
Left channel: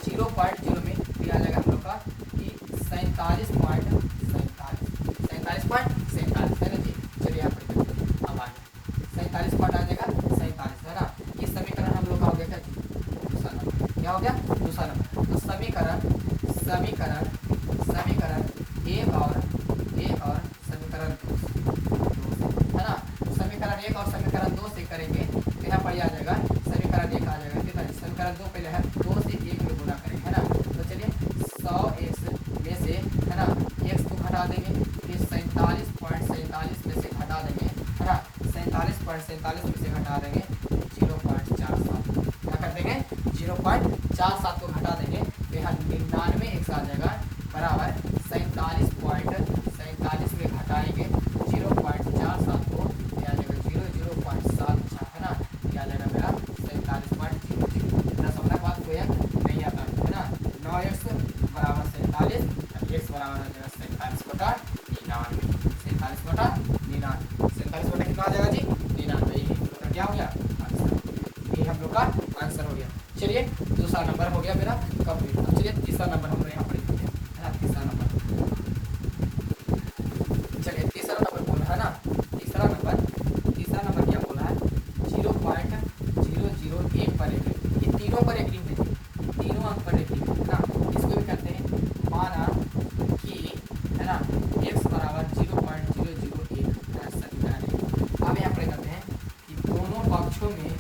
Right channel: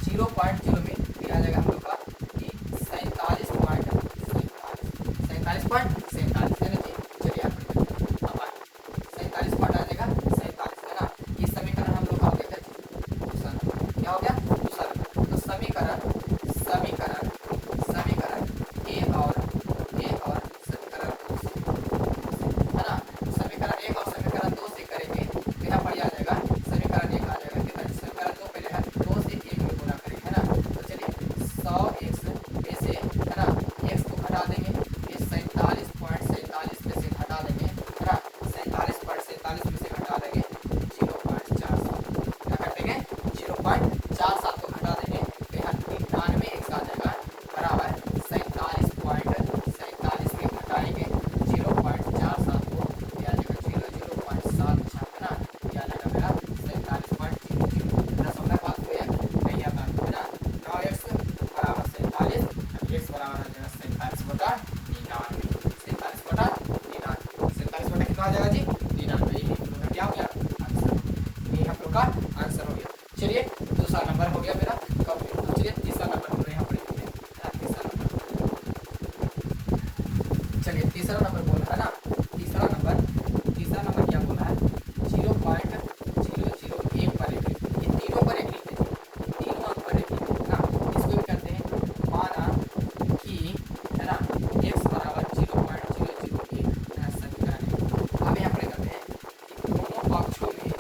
0.0 में फिर आ जाएगा हम लोग का कि 47.47 है ना जी। चलिए यहाँ पर 47 पॉइंट आ जाएगा 47 है ना। इस समीकरण हम लोग का हो गया क्या हो गया दूसरा नंबर। तो समीकरण एक और समीकरण 2 है ना, समीकरण 1 और समीकरण 2 से करेंगे तो यहाँ पर आ जाएगा समीकरण 1 आ जाएगा कितना, समीकरण 2 पहले है 2 से 1 में गुना करेंगे है ना। तो चलिए 100x में से है ना x को घटा देंगे, फिर 47.47 में से घटा देंगे है ना, 47.47 में से घटा देंगे 0.47, क्या कर देंगे 0.47 को घटा देंगे तो यहाँ 99x आ जाएगा बराबर 47.47 में घटाएंगे 0.47 को क्या आ जाएगा 0.7 है ना, क्या आ जाएगा मेरा 47.00 दशमलव बात कोई नहीं आता है ना। 9x बराबर 47, x बराबर हो जाएगा 47/99, 47/99, 47 कितना आ जाएगा जी 99, क्या हो गया आंसर, ये हम लोग का आंसर हो गया। चलिए दूसरा नंबर हो गया मेरा कंप्लीट। चलिए तीसरा नंबर हम लोग यहाँ पर लिखते हैं तीसरा नंबर, चलिए तीसरा नंबर बोल रहा है ना, तीसरा नंबर क्या बोल रहा है 0.001 पर लिख, ये तीनों पर एक लिख दीजिए, तीनों अंक पर एक लिख है ना। इसको भी करते हैं माना कि है ना x बराबर 0.001 समीकरण। अब यहाँ पर करते हैं कि दोनों पक्षों में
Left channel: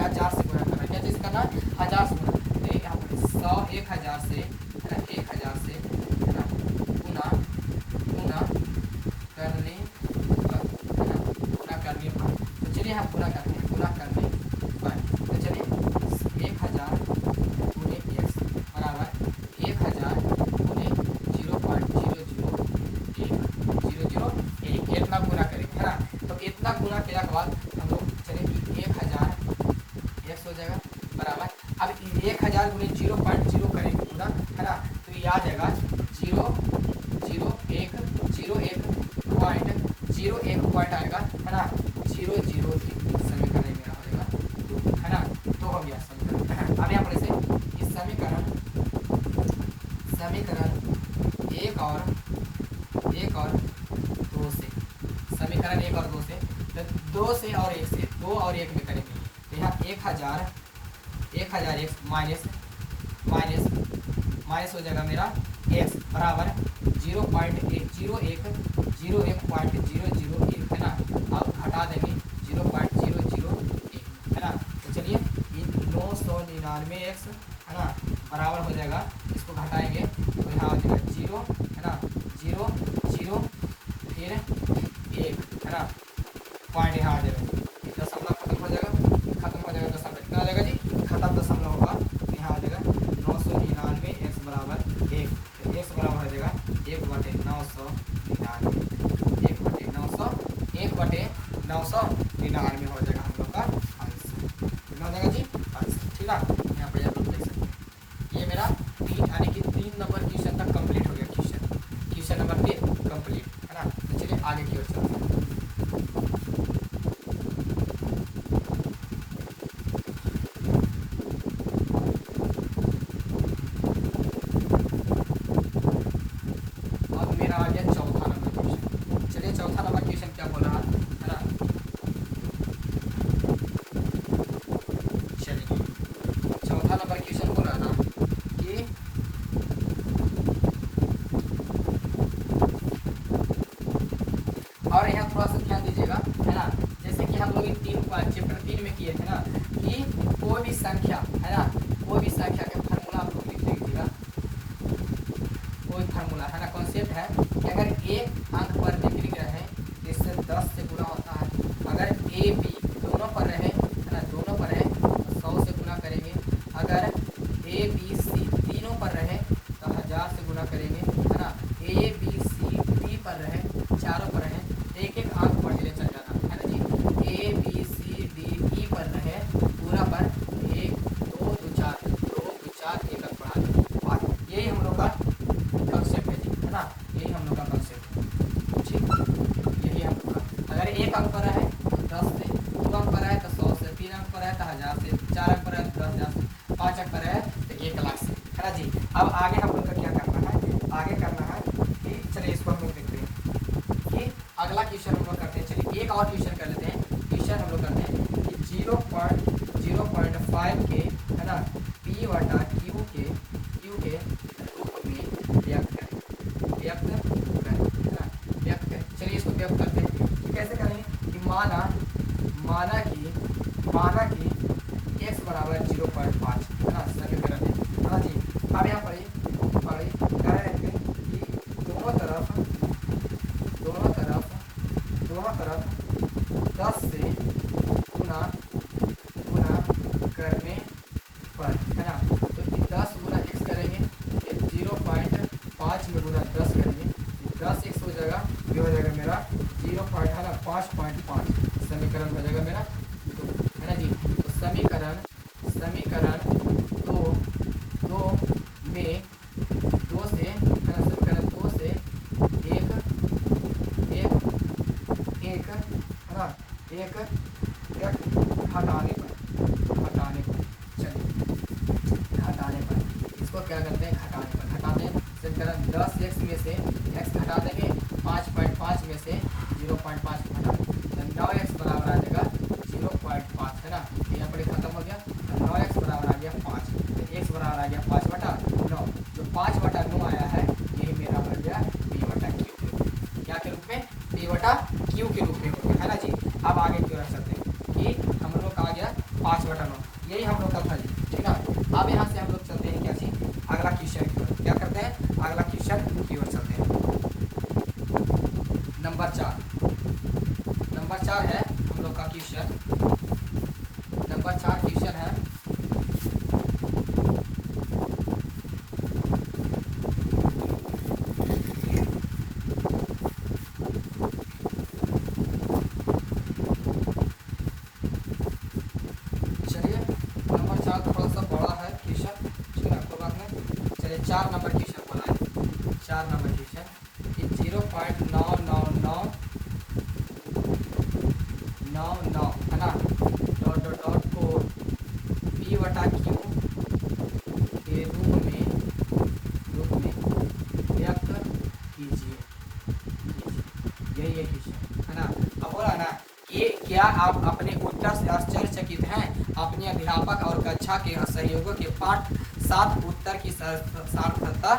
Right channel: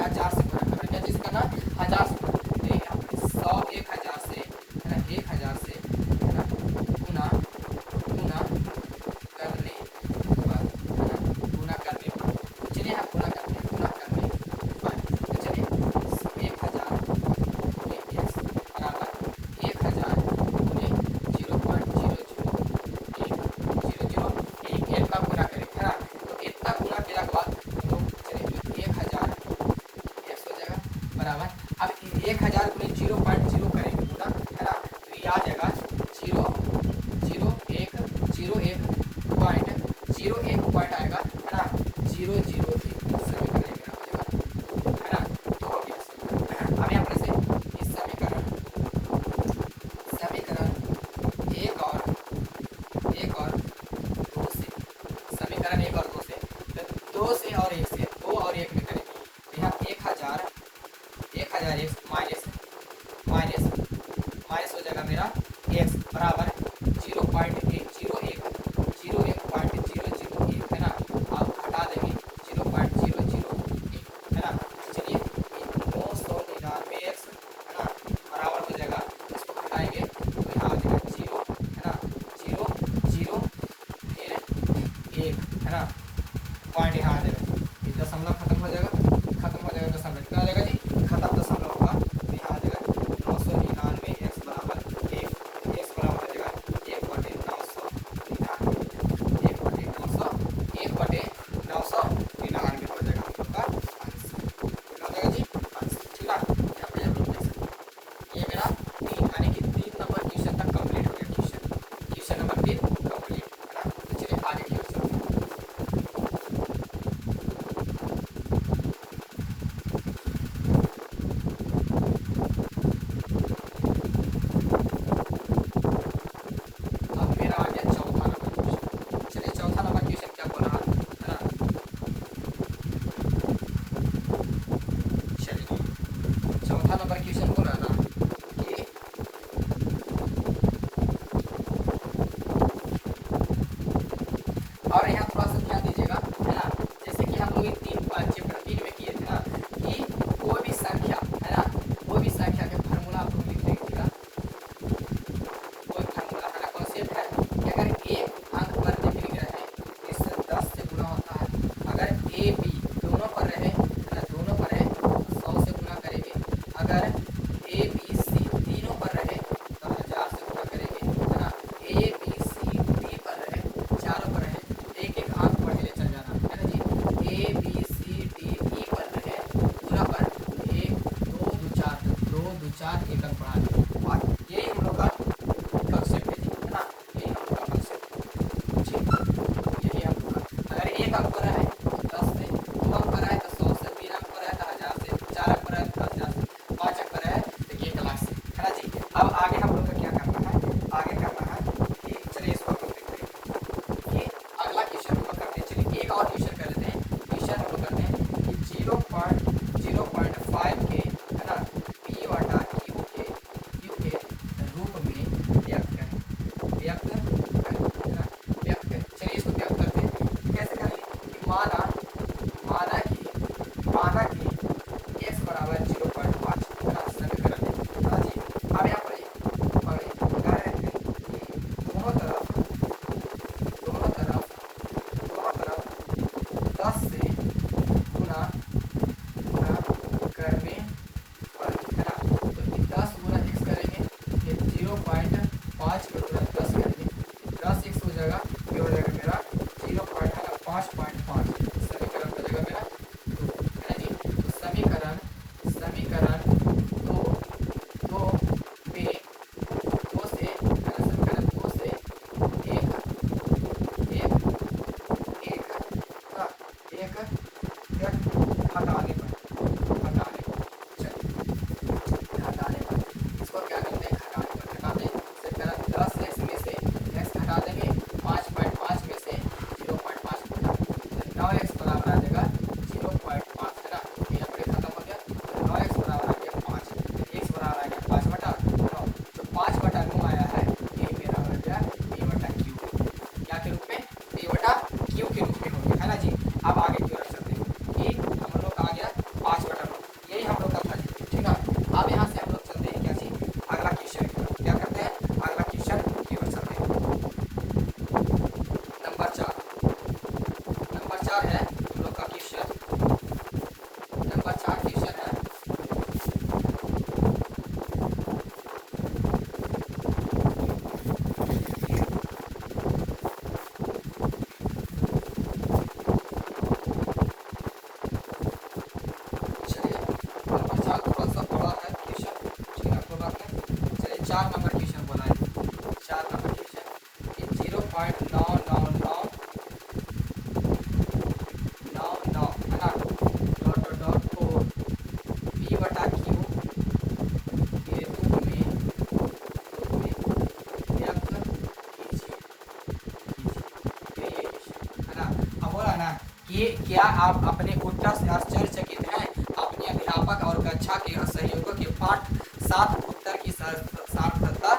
1000 से गुणा करना, क्या चीज करना, 1000 से गुणा, 100 1000 से, है ना, 1000 से गुणा गुणा करने पर, गुणा करने पर, तो चलिए हम गुणा करते हैं, गुणा करने पर, तो चलिए 1000 गुणे x बराबर 1000 गुणे 0.001001 इतना गुणा करें, है ना। तो इतना गुणा करने के बाद हम लोग चलिए 1000 x हो जाएगा बराबर, अब 1000 गुणे 0.0 करेंगे पूरा, है ना, तो ये आ जाएगा 0.01 पॉइंट आएगा, है ना, 001 समीकरण मेरा हो जाएगा, है ना। तो हो गया समीकरण। अब यहाँ पर से इस समीकरण एक और दो से, समीकरण 1 और 2 से, 2 से और 1 से, 2 और 1 में करेंगे, तो यहाँ 1000 x माइनस हो जाएगा मेरा x बराबर 0.101 है ना, आप घटा देंगे 0.001, है ना। तो चलिए 999 x, है ना, बराबर हो जाएगा, इसको घटाएंगे तो यहाँ आ जाएगा 0, है ना, 0 0 फिर 1, है ना, पॉइंट यहाँ आ जाएगा, दशमलव खत्म हो जाएगा दशमलव, कितना आ जाएगा जी, खत्म दशमलव होगा, तो यहाँ आ जाएगा 999 x बराबर 1, x बराबर हो जाएगा 1/999 हो जाएगा हम लोग का आंसर, कितना हो जाएगा जी आंसर, ठीक है। यहाँ पे ये मेरा 3 यानी कि 3 नंबर क्वेश्चन तक कंप्लीट हो गया, क्वेश्चन नंबर 3 कंप्लीट, है ना। तो चलिए आगे की ओर चलते हैं। अब मेरा आ गया चौथा नंबर क्वेश्चन, चलिए चौथा नंबर क्वेश्चन क्या बोल रहा है ना, चलिए चौथा नंबर क्वेश्चन बोल रहा था कि और यहाँ थोड़ा सा ध्यान दीजिएगा, है ना, जैसे कि हम लोग 3 में किए थे ना कि कोई भी संख्या, है ना, कोई भी संख्या के फार्मूला आप लोग लिख दीजिएगा, कोई फार्मूला, है ना, कॉन्सेप्ट है कि अगर एक अंक पर निकल गया है जिससे 10 से गुना होता है, अगर ए बी दोनों पर रहे, है ना, दोनों पर रहे 100 से गुना करेंगे, अगर ए बी सी तीनों पर रहे तो 1000 से गुना करेंगे, है ना, ए बी सी डी पर रहे, चारों पर रहे, एक एक अंक पहले चल जाना, है ना जी, A B C D E पर रहे पूरा पर 1 2 4 एक अंक बढ़ा दें, और यही हम लोग का कंसेप्ट है, ना, यही हम लोग का कंसेप्ट, यही हम लोग का, अगर एक अंक पर है तो 10 से, 2 अंक पर है तो 100 से, 3 अंक पर है तो 1000 से, 4 अंक पर है तो 10,000 से, 5 अंक पर है तो 1 लाख से, है ना जी। अब आगे हम लोग का क्या करना है, आगे करना है कि चलिए इसको हम लोग देखते हैं कि अगला क्वेश्चन हम लोग करते हैं, चलिए एक और क्वेश्चन कर लेते हैं, क्वेश्चन हम लोग करते हैं कि 0.05 के, है ना, p बटा q के रूप में व्यक्त करें, चलिए इसको व्यक्त करते हैं, कैसे करेंगे कि माना कि x बराबर 0.5, है ना, समीकरण, है ना जी। अब यहाँ पर कह रहे थे कि दोनों तरफ 10 से गुना करने पर, है ना, तो 10 गुना x करेंगे, फिर 0.5 में गुना 10 करेंगे, 10x हो जाएगा, ये हो जाएगा मेरा 0.5 समीकरण हो जाएगा मेरा, है ना जी। तो समीकरण 4 नंबर क्वेश्चन बोला है, 4 नंबर क्वेश्चन कि 0.99999 है ना, डॉट डॉट डॉट को पी बटा क्यू के रूप में व्यक्त कीजिए। ये क्वेश्चन है ना। अब बोला ना कि क्या आप अपने उत्तर से आश्चर्यचकित हैं? अपने अध्यापक और कक्षा के सहयोगों के पाठ साथ उत्तर की सार्थकता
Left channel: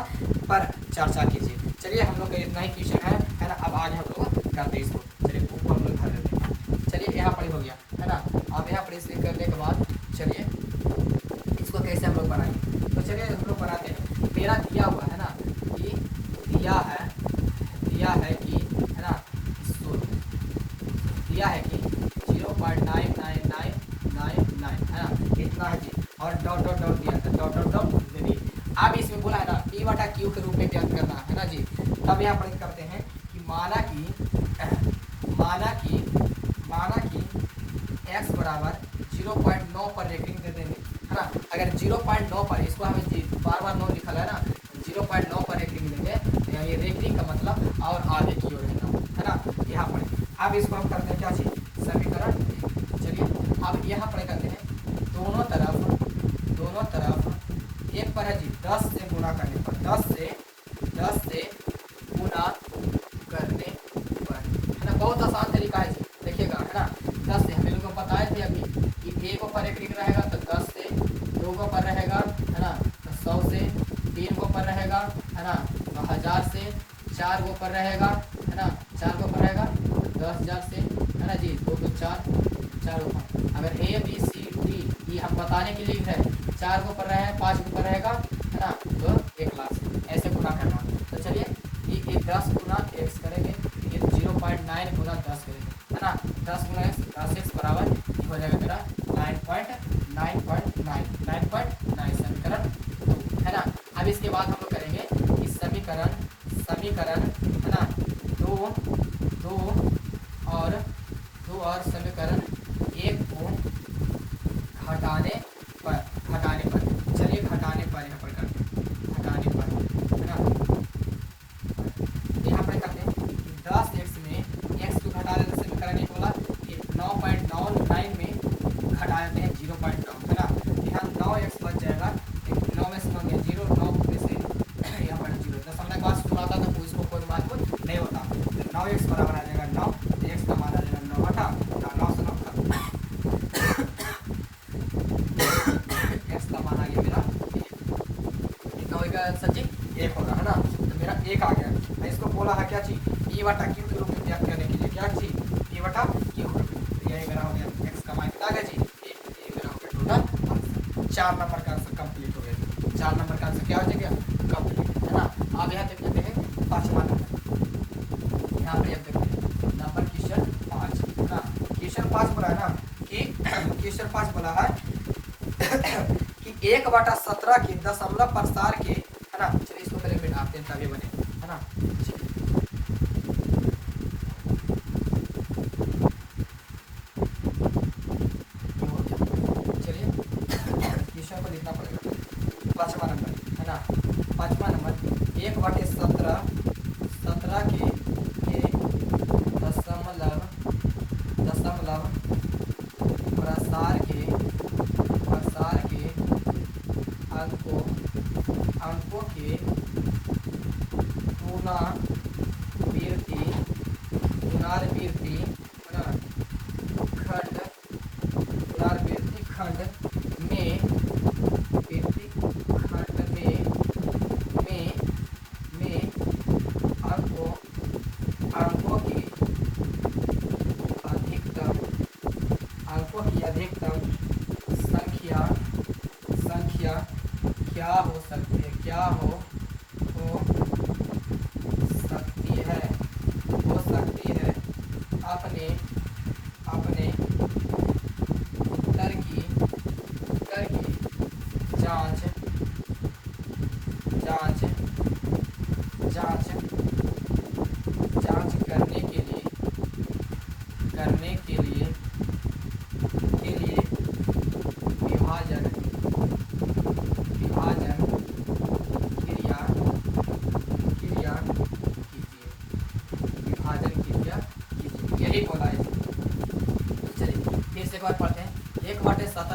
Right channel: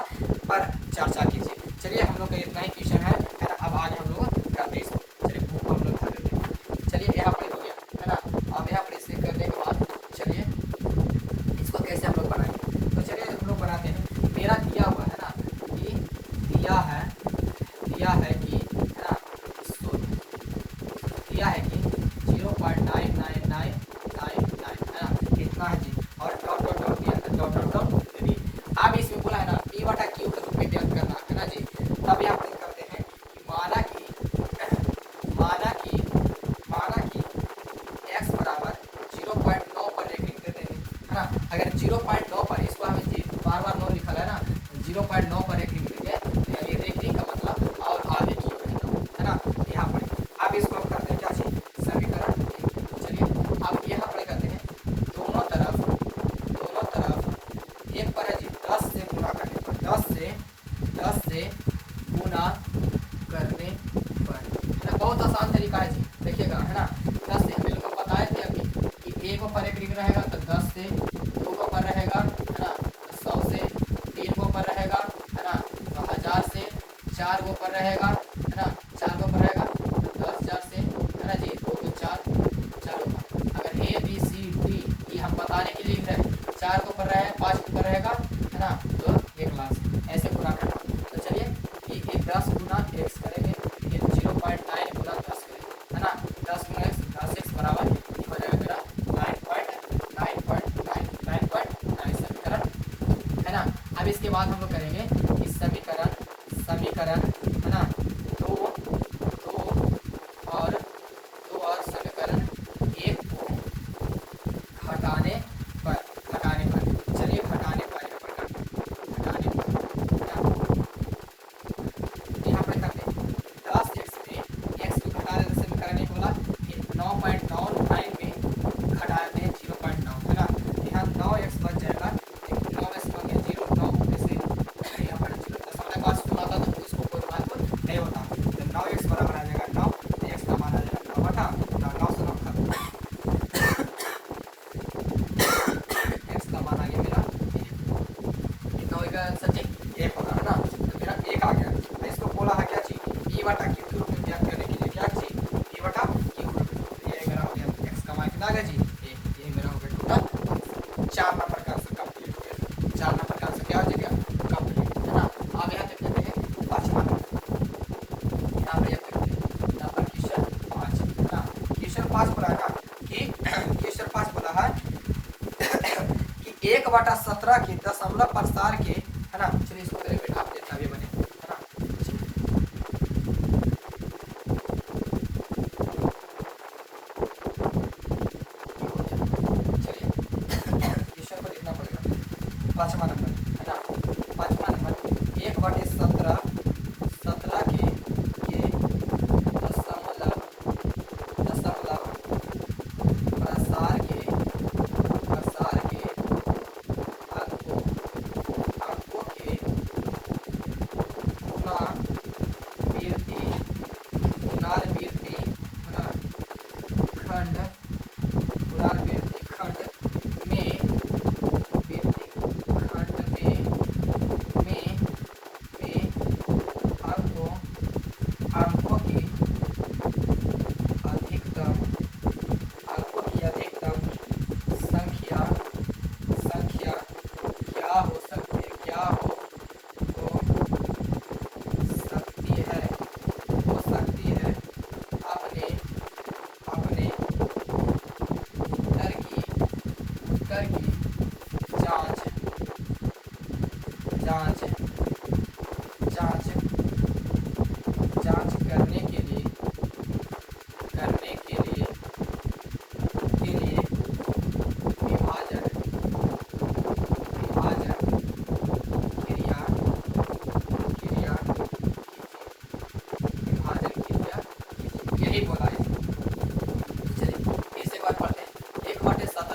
पर चर्चा कीजिए। चलिए हम लोग का इतना ही क्वेश्चन है ना। अब आगे हम लोग करते हैं इसको। चलिए बुक हम लोग कर लेते हैं। चलिए यहाँ पर हो गया है ना। अब यहाँ पर इसलिए करने के बाद चलिए इसको कैसे हम लोग बनाएंगे। तो चलिए हम लोग बनाते हैं। मेरा दिया हुआ है ना कि दिया है कि है ना, दिया है कि 0.99999 है ना, इतना है जी। और डॉट डॉट डॉट दिया है, डॉट डॉट डॉट दे दी। अब इसमें बोला है ना पी बटा क्यू के रूप में व्यक्त करना है ना जी। तब यहाँ पर करते हैं कि माना कि x बराबर 0.9 पर रेटिंग दे देंगे है ना। अगर 0.9 पर, इसको हमें जी बार 9 लिखा है ना, 0.9 पर रेटिंग देंगे। ये रेटिंग का मतलब और आगे की ओर है ना यहाँ पर। अब इसको हम करते हैं क्या चीज, समीकरण। चलिए अब यहाँ पर करते हैं दोनों तरफ एक पर है जी 10 से गुना करने पर, 10 से गुना करने पर है ना। बहुत आसान तरीका है जी, देखिएगा है ना। 10 से मैंने को बताया थे अभी कि एक पर एक रिंग रहेगा तो 10 से, 2 को पर रहेगा है ना, 100 से, 3 को पर रहेगा है ना, 1000 से, 4 को पर रहेगा है ना, 4 को पर रहेगा 10,000 से है ना जी, 2 तो 4। चलो अगर ए बी सी डी ये हम बताने के लिए है, 4 को पर रहा है, 5 को पर रहेगा है ना, तो 1 लाख ऐसे गुना करना। तो चलिए ये 10 गुना x करेंगे, ये 0.9 गुना 10 करेंगे है ना। 10 गुना x, 10x बराबर हो जाएगा मेरा 9.9 समीकरण है ना। अब इसके बाद हम लोग करेंगे इस समीकरण है ना, दो और समीकरण एक को हटाने पर, चलिए हटाने पर यहाँ पर करते हैं यहाँ पर करते हैं 10x में x को घटा देने से निकालने को बोला 9.99 में घटा देते हैं 0.9 है ना। यहाँ 9x बच जाएगा, 9x बन गया 0, 9 से यहाँ पर 0 दशमलव का होता था तो इसको कोई बात नहीं होता। तो 9x बराबर आ जाएगा 9, x का मान आ जाएगा 9 हटा 9 से 9 खत्म, x का मान आ गया मेरा कितना होगा सचिन, 1 होगा है ना। तो मेरा 1 आ गया। इसको बोला है क्या चीज, p बटा q के रूप में ज्ञात करने के लिए क्या चीज, p बटा q। ये मेरा हो गया x का मान कितना आ गया जी 1, ये मेरा हो गया टोटल 4 नंबर का आंसर कंप्लीट हो गया। 4 नंबर का आंसर क्या हो जाएगा, कंप्लीट है ना। अब यहाँ तक लेते हैं 5 नंबर, यहाँ पर यहाँ तक नंबर क्वेश्चन 5 है ना। क्वेश्चन 5 बोला है ना कि क्वेश्चन 5 बोला है कि 1/17 के दशमलव प्रसार के है ना। चलिए इसको करेंगे आप तभी बने है ना। चलिए क्वेश्चन को लिखना पड़ेगा 5वां नंबर है ना। 5वां नंबर 1/17 के दशमलव प्रसार के अंकों के पुनरावृत्ति खंड में अंकों की अधिकतम संख्या क्या हो सकती है अपने उत्तर की जांच करने के लिए विभाजन क्रिया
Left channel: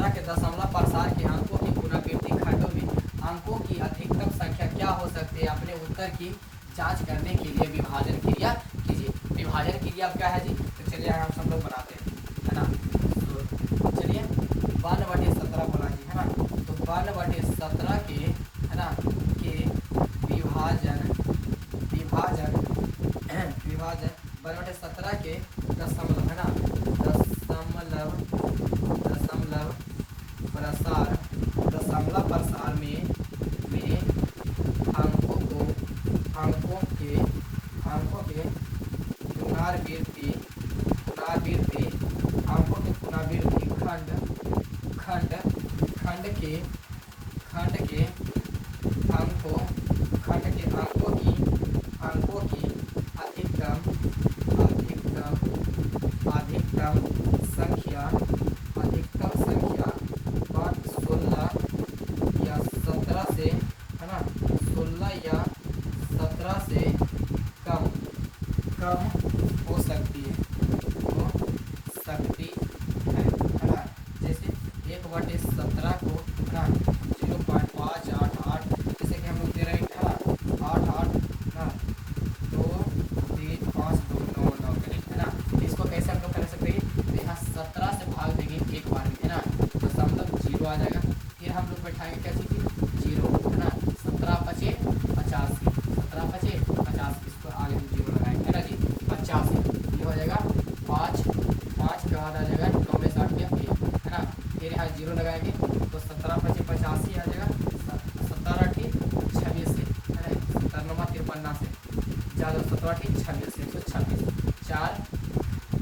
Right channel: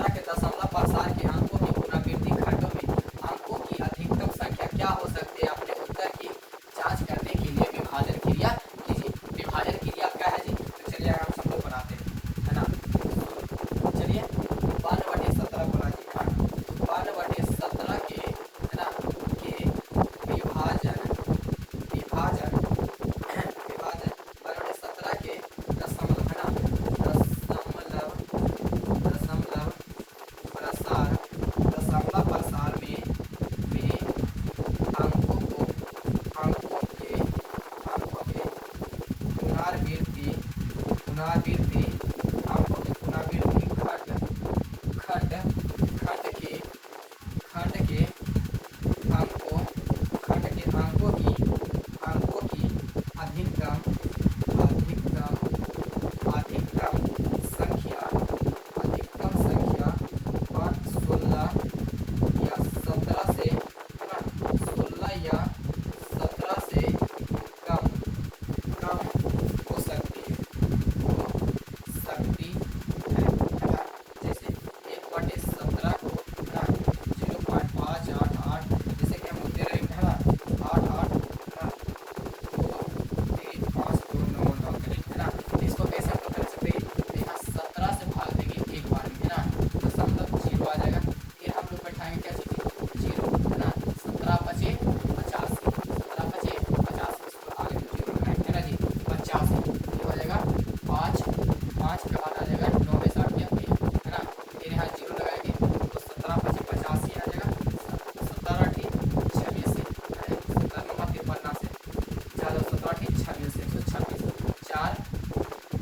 17 के दशमलव प्रसार के अंकों की पुनरावृत्ति खंडों में अंकों की अधिकतम संख्या क्या हो सकती है? अपने उत्तर की जांच करने के लिए विभाजन क्रिया कीजिए। विभाजन क्रिया क्या है जी? तो चलिए हम लोग बनाते हैं, है ना। तो चलिए 52/17 बना दी, है ना। तो 52/17 के, है ना, के विभाजन विभाजन विभाजन 52/17 के दशमलव, है ना, दशमलव दशमलव प्रसार दशमलव प्रसार में अंकों के पुनरावृत्ति अंकों के पुनरावृत्ति खंड खंड के अंकों की अधिकतम संख्या 16 या 17 से, है ना, 16 या 17 से कम हो सकती है, है ना। जैसे 1/17 को, है ना, 0.588, जैसे कि हम लोग दे रहे हैं, 88, है ना, 2 3 5 2 9 9, है ना। इसको कैसे हम लोग कर सकते हैं? तो यहाँ 17 से भाग देंगे एक बार में, है ना, तो दशमलव 0 आ जाएगा। फिर हम लोग बैठाएंगे कैसे? 0, है ना, 17 × 50, 17 × 50, इसको आगे में 0 लगाएंगे, है ना जी, 50, ये हो जाएगा 5 5 का आ जाएगा 9 में 60 है ना। फिर यहाँ 0 लगाएंगे तो 17 × 50 85 आ जाएगा, 17 × 26 से, 17 9 53 से, चलो 17 × 26 से 126, 4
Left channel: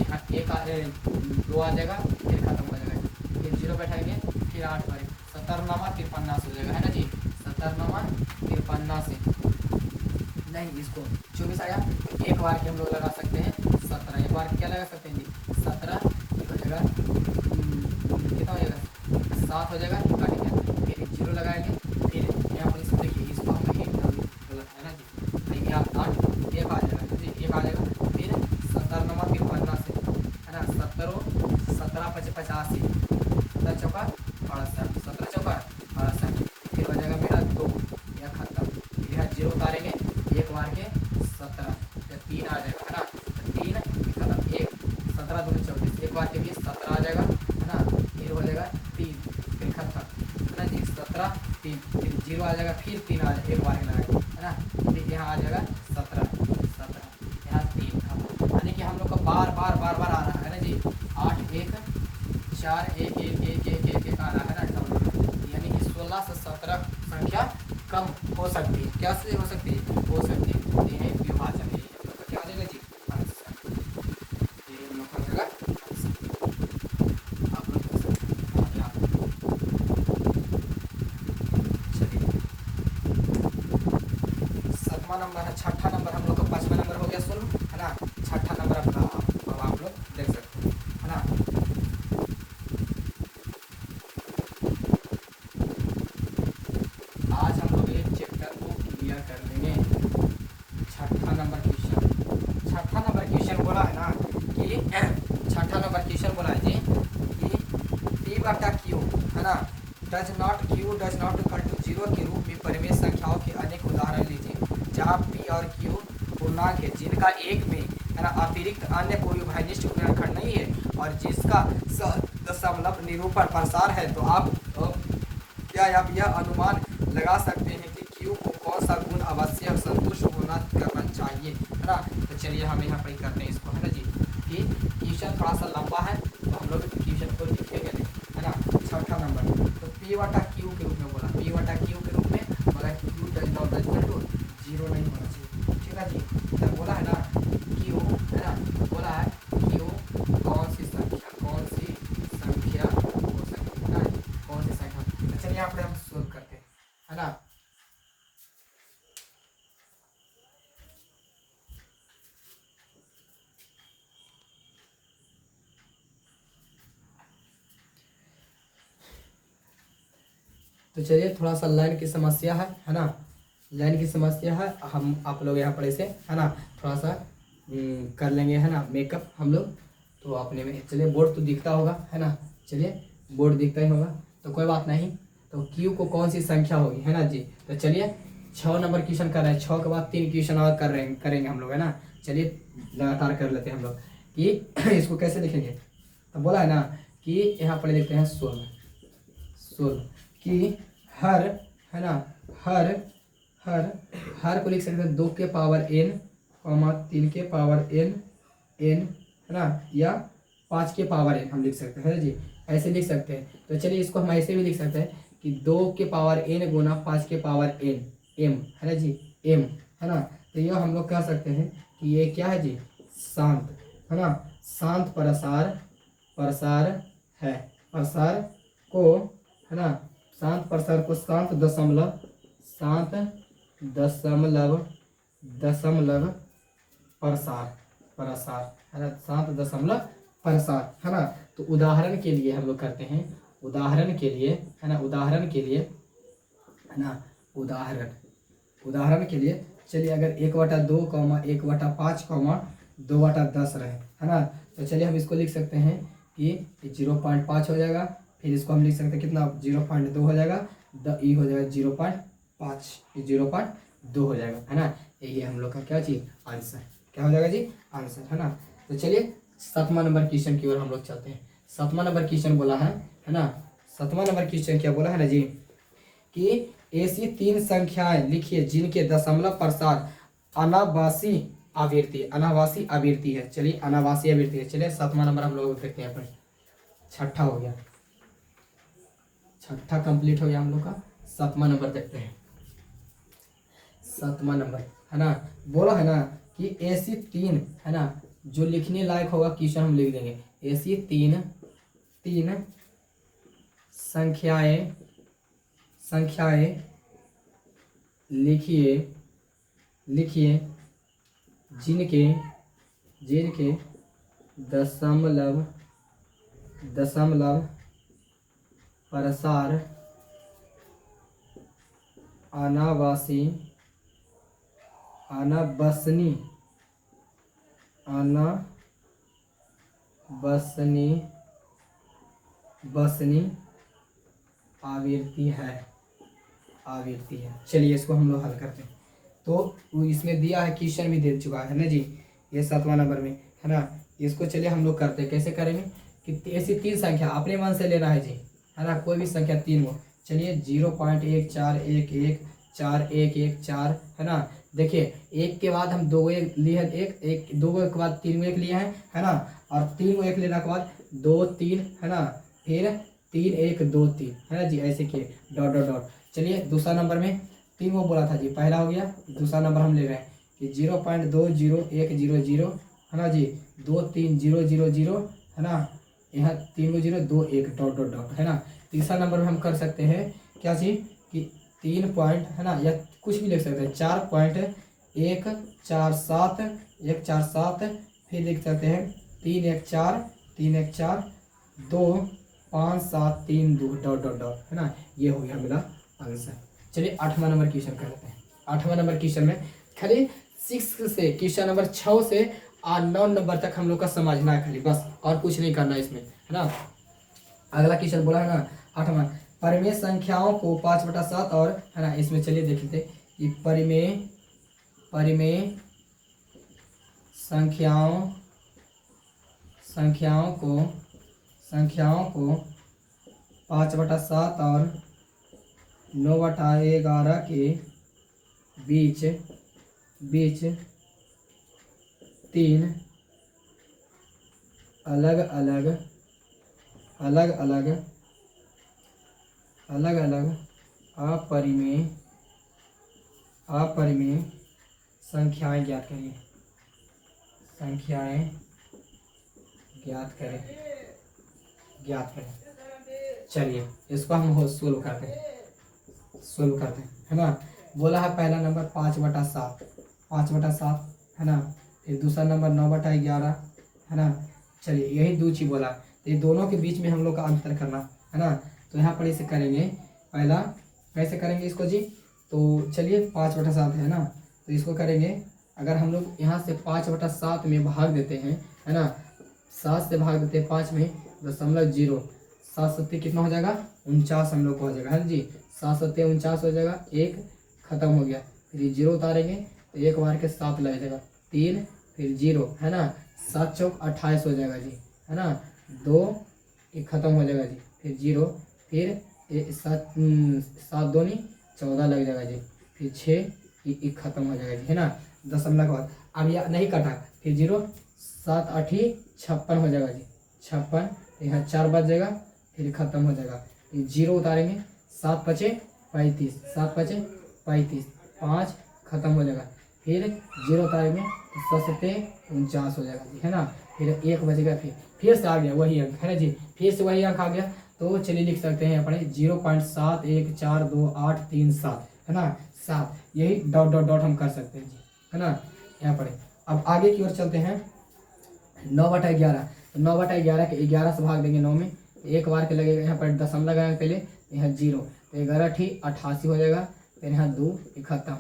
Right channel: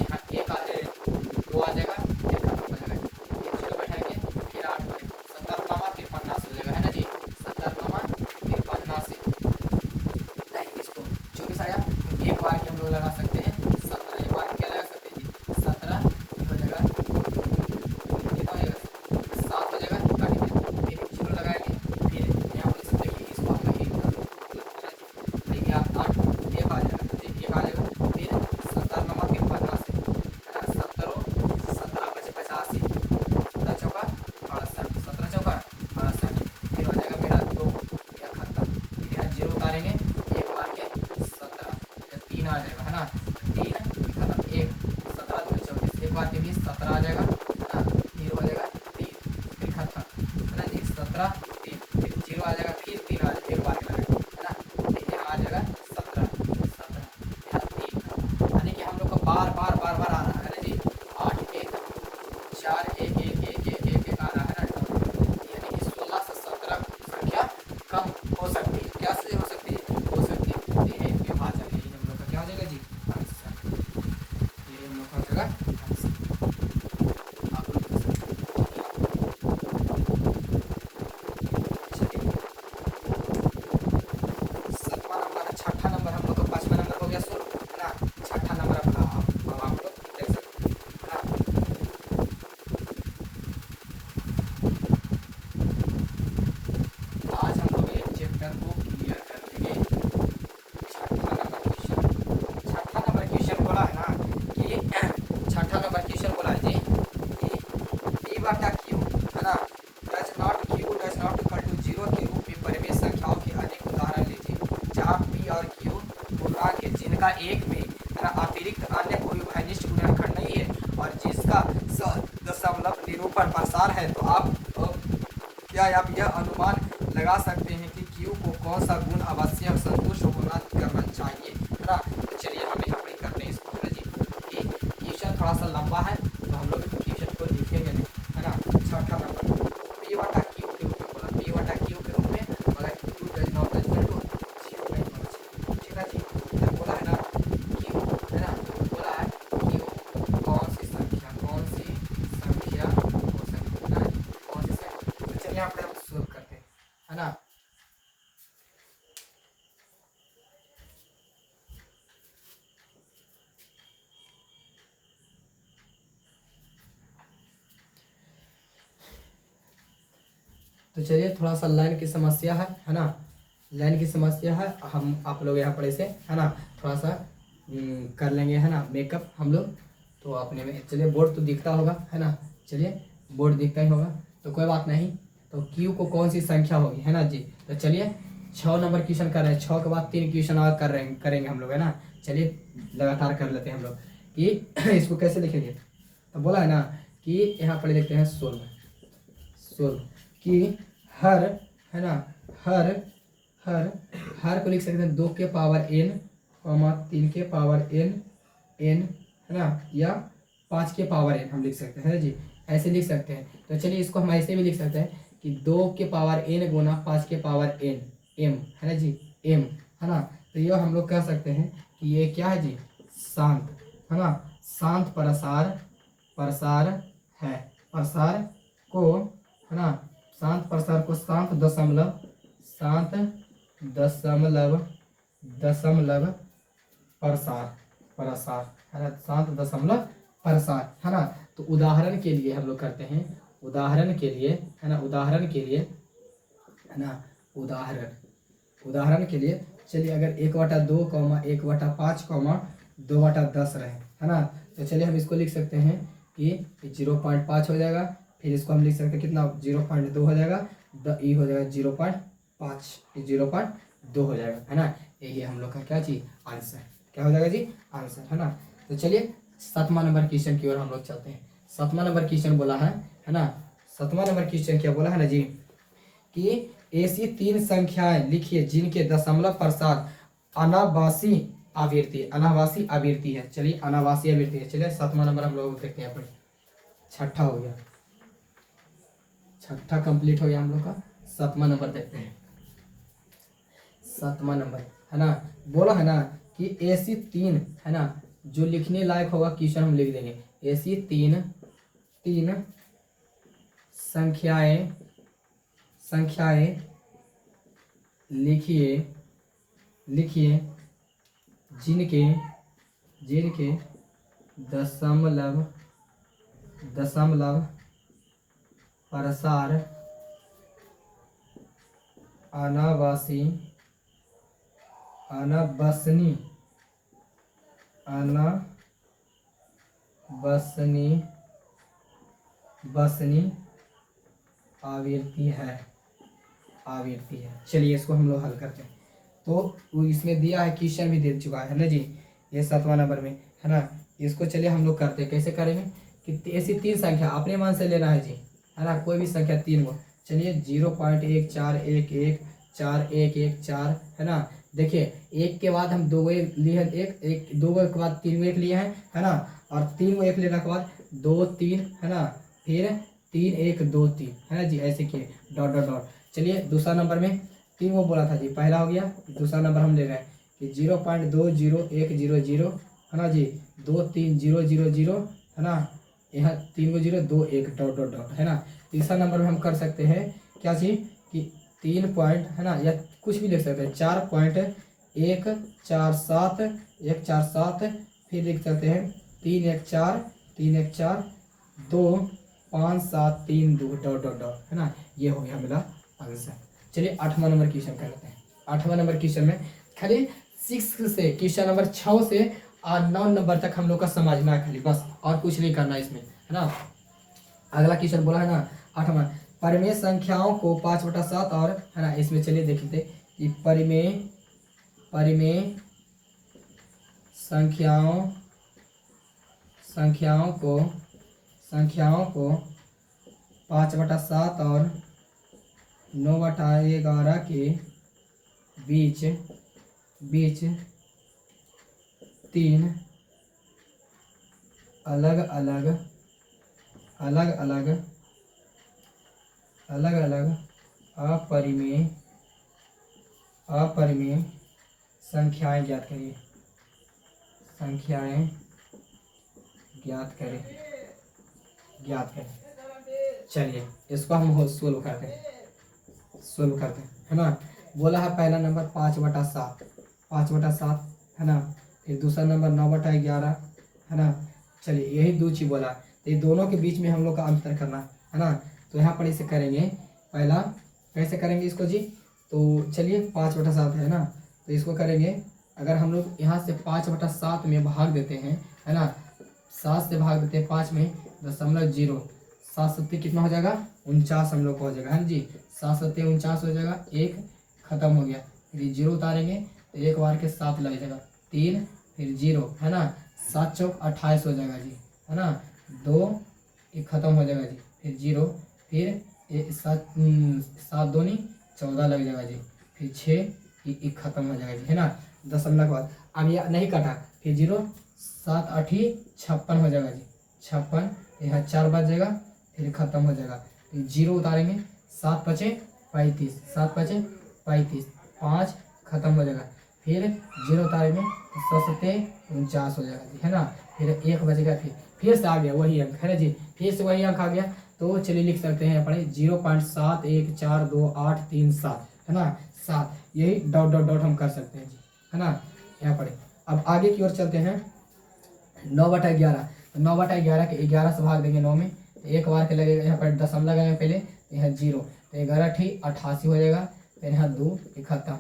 यहाँ 2 आ जाएगा, फिर खत्म हो जाएगा। फिर 0 बैठाएंगे, फिर 8 करेंगे, 17 9 53 से हो जाएगा, है ना जी, 17 9 53 से, नहीं इसको 24 आया। एक बार के हम लोग लगा सकते हैं 17, एक बार क्या लगा सकते हैं जी? 17 हो जाएगा, कितना हो जाएगा? 7 हो जाएगा, फिर 0 लगाएंगे, फिर यहाँ बोल सकते हैं कि इसको हम लोग, है ना जी, देखिए आप 8 एक आ जाएगा, एक आ जाएगा, फिर 17 9 53 से, है ना, 17 × 85, 17 चौका 62, 17 चौका 62, फिर हो जाएगा मेरा 2, यह खत्म। फिर यहाँ 0 उतारेंगे, एक बार के 17, 3 आ जाएगा, है ना, 3 खत्म, 1 17 2 24, एक बार के लिए 17 आ जाएगा, है ना, फिर हो जाएगा 3, फिर खत्म, है ना जी, 17 3, फिर 0 आ जाएगा, फिर 3 आ जाएगा, एक बार में लगाएगा, है ना, फिर यहाँ आ जाएगा 17 यहाँ 3 खत्म। यानी कि हम लोग का बार बार आ रहा है ना जी, 8 1 4 1 1 1 1 1 1 आ रहा है ना, यानी कि 16 से 17 संख्या कम हो सकती है। क्या से हो सकती है? हो सकती है, ये है ये भाषा के लिए मतलब क्या आ जाएगा जी? आंसर, ये मतलब हो जाएगा आंसर। आप लोग सातवां नंबर है, छठा नंबर हम लोग का, 5वां नंबर हो गया सोल्व, है ना, छठा नंबर अपना अब आप लोग देख सकते हैं, है ना। आज हम लोग एक चैप्टर को क्लियर कर देंगे। छठा नंबर क्वेश्चन बोला है ना कि छठा नंबर क्वेश्चन बोला है जी कि P/Q, है ना, डज नॉट इक्वल टू 0 के रूप में परिमेय संख्याओं के अनेक उदाहरण लीजिए जहाँ P और Q पूर्णांक है जिनका एक में, है ना, अतिरिक्त अन्य कोई उभयनिष्ठ गुणनखंड नहीं है और जिसका दशमलव निरूपण प्रसार है। तो आप क्या आप यह अनुमान लगा सकते हैं कि Q को कौन सा गुण अवश्य संतुष्ट होना करना चाहिए, है ना। तो चलिए हम यहाँ पर करते हैं इसको, है ना जी, कि क्वेश्चन थोड़ा सा लंबा है तो हम लोग क्वेश्चन को लिखेंगे नहीं, है ना। छठा नंबर तो P/Q के रूप में बोला, P/Q के रूप में, मगर Q does not equal to 0 नहीं होना चाहिए, ठीक है जी। इधर बोला है ना Q, है ना, बोला है Q कौन सी संख्या हो सकती है ना, कौन सी संख्या। चलिए यहाँ पर हम सोल्व करते हैं, है ना। तो चलिए थोड़ा सा लाइन की समस्या है ना, लाइन की समस्या है, हम आप लोग यहाँ पर ऐसे, है ना, थोड़ा सा कर लेंगे, है ना, मेकअप हम लोग। तो अपने में चलिए बोर्ड तो दिखता होगा, है ना। चलिए बोर्ड दिखता ही होगा, तो कोई बात नहीं। तो क्यू को कौन सी संख्या होगी, है ना जी। तो चलिए 6 नंबर क्वेश्चन कर रहे हैं, 6 के बाद 3 क्वेश्चन और करेंगे हम लोग, है ना। चलिए लगातार कर लेते हैं हम लोग कि इसको कैसे लिखेंगे। तो बोला है ना कि यहाँ पर लिखते हैं 16 कि हर, है ना, हर हर हर को लिख सकते हैं 2 के पावर n, 3 के पावर n, है ना, या 5 के पावर n हम लिख सकते हैं जी, ऐसे लिख सकते हैं। तो चलिए इसको हम ऐसे भी लिख सकते हैं कि 2 के पावर n गुना 5 के पावर n, m, है ना जी, m, है ना। तो ये हम लोग कह सकते हैं कि ये क्या है जी, शांत, है ना, शांत प्रसार है। प्रसार को, है ना, शांत प्रसार को शांत दशमलव प्रसार, है ना, शांत दशमलव प्रसार, है ना। तो उदाहरण के लिए हम लोग करते हैं, उदाहरण के लिए, है ना, उदाहरण के लिए, है ना, उदाहरण के लिए चलिए अगर 1/2, 1/5, 2/10 रहे, है ना। तो चलिए हम इसको लिख सकते हैं कि 0.5 हो जाएगा, फिर इसको हम लिख सकते हैं कितना, 0.2 हो जाएगा, ई हो जाएगा 0.5, 0.2 हो जाएगा, है ना। यही हम लोग का क्या चीज, आंसर क्या हो जाएगा जी, आंसर, है ना। तो चलिए 7वां नंबर क्वेश्चन की ओर हम लोग चलते हैं। 7वां नंबर क्वेश्चन बोला है ना, 7वां नंबर क्वेश्चन क्या बोला है ना जी, कि ऐसी 3 संख्याएं लिखिए जिनके दशमलव प्रसार अनावासी आवृत्ति है। चलिए अनावासी आवृत्ति है। चलिए 7वां नंबर हम लोग देखते हैं, अपन 6ठा हो गया, 6ठा कंप्लीट हो गया हम लोग का। 7वां नंबर देखते हैं, 7वां नंबर, है ना, बोला है ना कि ऐसी 3, है ना, जो लिखने लायक होगा क्वेश्चन हम लिख देंगे। ऐसी 3 संख्याएं लिखिए जिनके दशमलव प्रसार अनावसनी आवृत्ति है। चलिए इसको हम लोग हल करते हैं। तो वो इसमें दिया है, क्वेश्चन भी दे चुका है ना जी, ये 7वां नंबर में, है ना। इसको चलिए हम लोग करते हैं, कैसे करेंगे कि ऐसी 3 संख्या अपने मन से लेना है जी, है ना, कोई भी संख्या 3 को। चलिए 0.14114114, है ना। देखिए 1 के बाद हम 2 लिए हैं, एक 2 के बाद 3 1 लिए हैं, है ना, और 3 को 1 लेने के बाद 2 3, है ना, फिर 3 1 2 3, है ना जी, ऐसे किए डॉट डॉट डॉट। चलिए दूसरा नंबर में 3 वो बोला था जी, पहला हो गया। दूसरा नंबर हम ले रहे हैं कि 0.20100, है ना जी, 2 3 0 0 0, है ना, यहाँ 3 को 0 2 1 डॉट डॉट डॉट, है ना। तीसरा नंबर में हम कर सकते हैं क्या चीज कि 3 पॉइंट, है ना, या कुछ भी लिख सकते हैं 4.147, फिर लिख सकते हैं 3 1 4 2 5 7 3 2 डॉट डॉट डॉट, है ना। ये हो गया मेरा आंसर। चलिए 8वां नंबर क्वेश्चन कर लेते हैं। 8वां नंबर क्वेश्चन में खाली 6 से क्वेश्चन नंबर 6 से 9 नंबर तक हम लोग का समझना है खाली, बस और कुछ नहीं करना है इसमें, है ना। अगला क्वेश्चन बोला है ना 8वां, परिमेय संख्याओं को 5/7 और, है ना, इसमें चलिए देखते कि परिमेय संख्याओं को 5/7 और 9/11 के बीच 3 अलग अलग अपरिमेय संख्याएं ज्ञात करें। चलिए इसको हम सोल्व करते हैं, है ना। बोला है पहला नंबर 5/7, है ना, फिर दूसरा नंबर 9/11, है ना। चलिए यही 2 चीज बोला, तो ये दोनों के बीच में हम लोग का अंतर करना है ना। तो यहाँ पर इसे करेंगे, पहला कैसे करेंगे इसको जी, तो चलिए 5/7 है ना, तो इसको करेंगे अगर हम लोग यहाँ से 5/7 में भाग देते हैं, है ना, 7 से भाग देते हैं 5 में, 0.0, 7 कितना हो जाएगा 49 हम लोग को हो जाएगा। हाँ जी 7 49 हो जाएगा। एक खत्म हो गया, फिर ये 0 उतारेंगे तो एक बार के 7 लग जाएगा, 3 फिर 0 है ना, 7 चौक 28 हो जाएगा जी है ना। 2 एक खत्म हो जाएगा जी, फिर 0 फिर 7 दूनी 14 लग जाएगा जी, फिर 6 एक खत्म हो जाएगा जी है ना। दशमलव के बाद अब यह नहीं कटा, फिर 0 7 8 56 हो जाएगा जी, 56 यहाँ 4 बच जाएगा, फिर खत्म हो जाएगा, फिर 0 उतारेंगे 7 5 35, 7 5 35, 5 खत्म हो जाएगा, फिर 0 उतारेंगे तो 149 हो जाएगा जी है ना। फिर 1 बचेगा, फिर से आ गया वही अंक है ना जी, फिर से वही अंक आ गया। तो चलिए लिख सकते हैं अपने 0.714283 है ना, 7 यही डॉट डॉट डॉट हम कर सकते हैं जी है ना यहाँ पर। अब आगे की ओर चलते हैं 9/11, तो 9/11 के 11 से भाग देंगे 9 में, तो एक बार के लगेगा यहाँ पर दशमलव लगाएंगे पहले, यहाँ 0 तो 11 ठीक 88 हो जाएगा, फिर यहाँ 2 खत्म,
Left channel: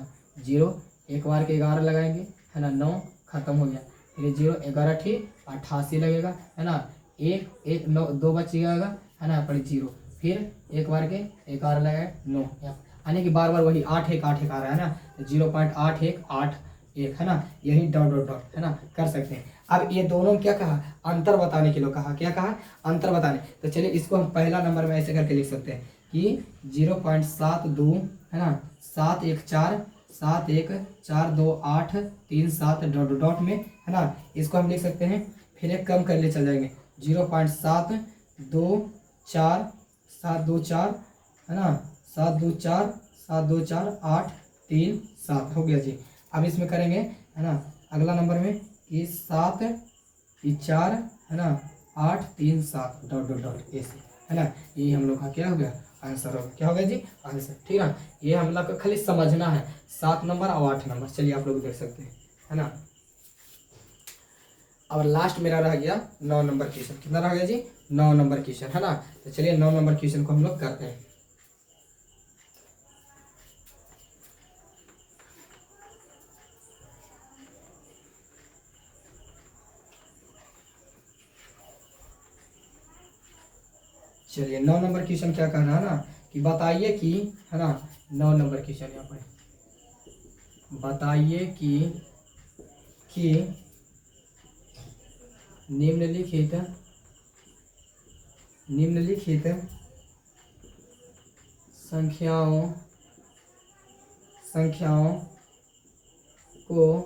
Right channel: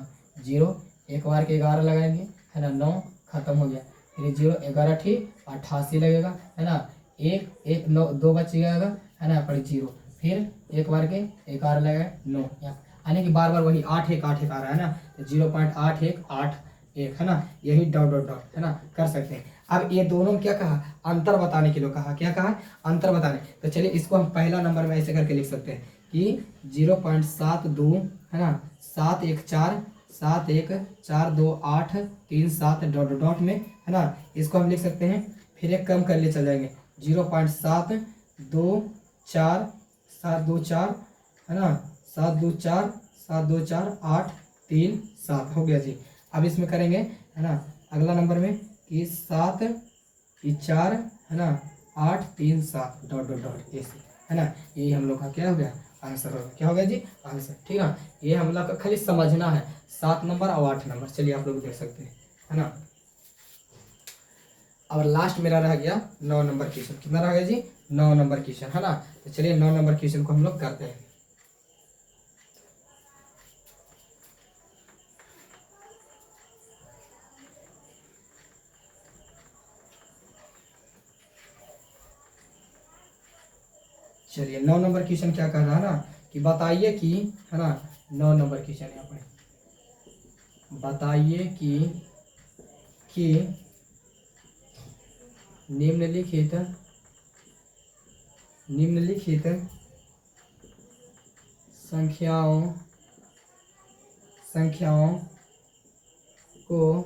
0 एक बार के 11 लगाएंगे है ना, 9 खत्म हो गया, फिर 0 11 ठीक 88 लगेगा है ना, 1 9 2 बच जाएगा है ना पर 0, फिर एक बार के 11 लगाए 9, यानी कि बार बार वही 8 1 8 1 आ रहा है ना, तो 0.8181 है ना, यही डॉट डॉट डॉट है ना कर सकते हैं। अब ये दोनों क्या कहा, अंतर बताने के लिए कहा, क्या कहा अंतर बताने, तो चलिए इसको हम पहला नंबर में ऐसे करके लिख सकते हैं कि 0.72 है ना 7 1 4 7 1 4 2 8 3 7 डॉट डॉट डॉट में है ना, इसको हम लिख सकते हैं, फिर एक कम कर ले चल जाएंगे 0.724 7 2 4 है ना 7 2 4 7 2 4 8 3 7 हो गया जी। अब इसमें करेंगे है ना अगला नंबर में कि 7 4 है ना 8 3 7 डॉट डॉट डॉट ऐसे है ना, यही हम लोग का क्या हो गया आंसर हो गया, क्या हो गया जी आंसर, ठीक है। ये हम लोग का खाली समझना है 7 नंबर और 8 नंबर, चलिए आप लोग देख सकते हैं है ना। अब लास्ट मेरा रह गया 9 नंबर क्वेश्चन, कितना रह गया जी 9 नंबर क्वेश्चन है ना, तो चलिए 9 नंबर क्वेश्चन को हम लोग करते हैं। चलिए 9 नंबर क्वेश्चन क्या कह रहा है ना कि बताइए कि है ना 9 नंबर क्वेश्चन यहाँ पर बताइए कि निम्नलिखित संख्याओं को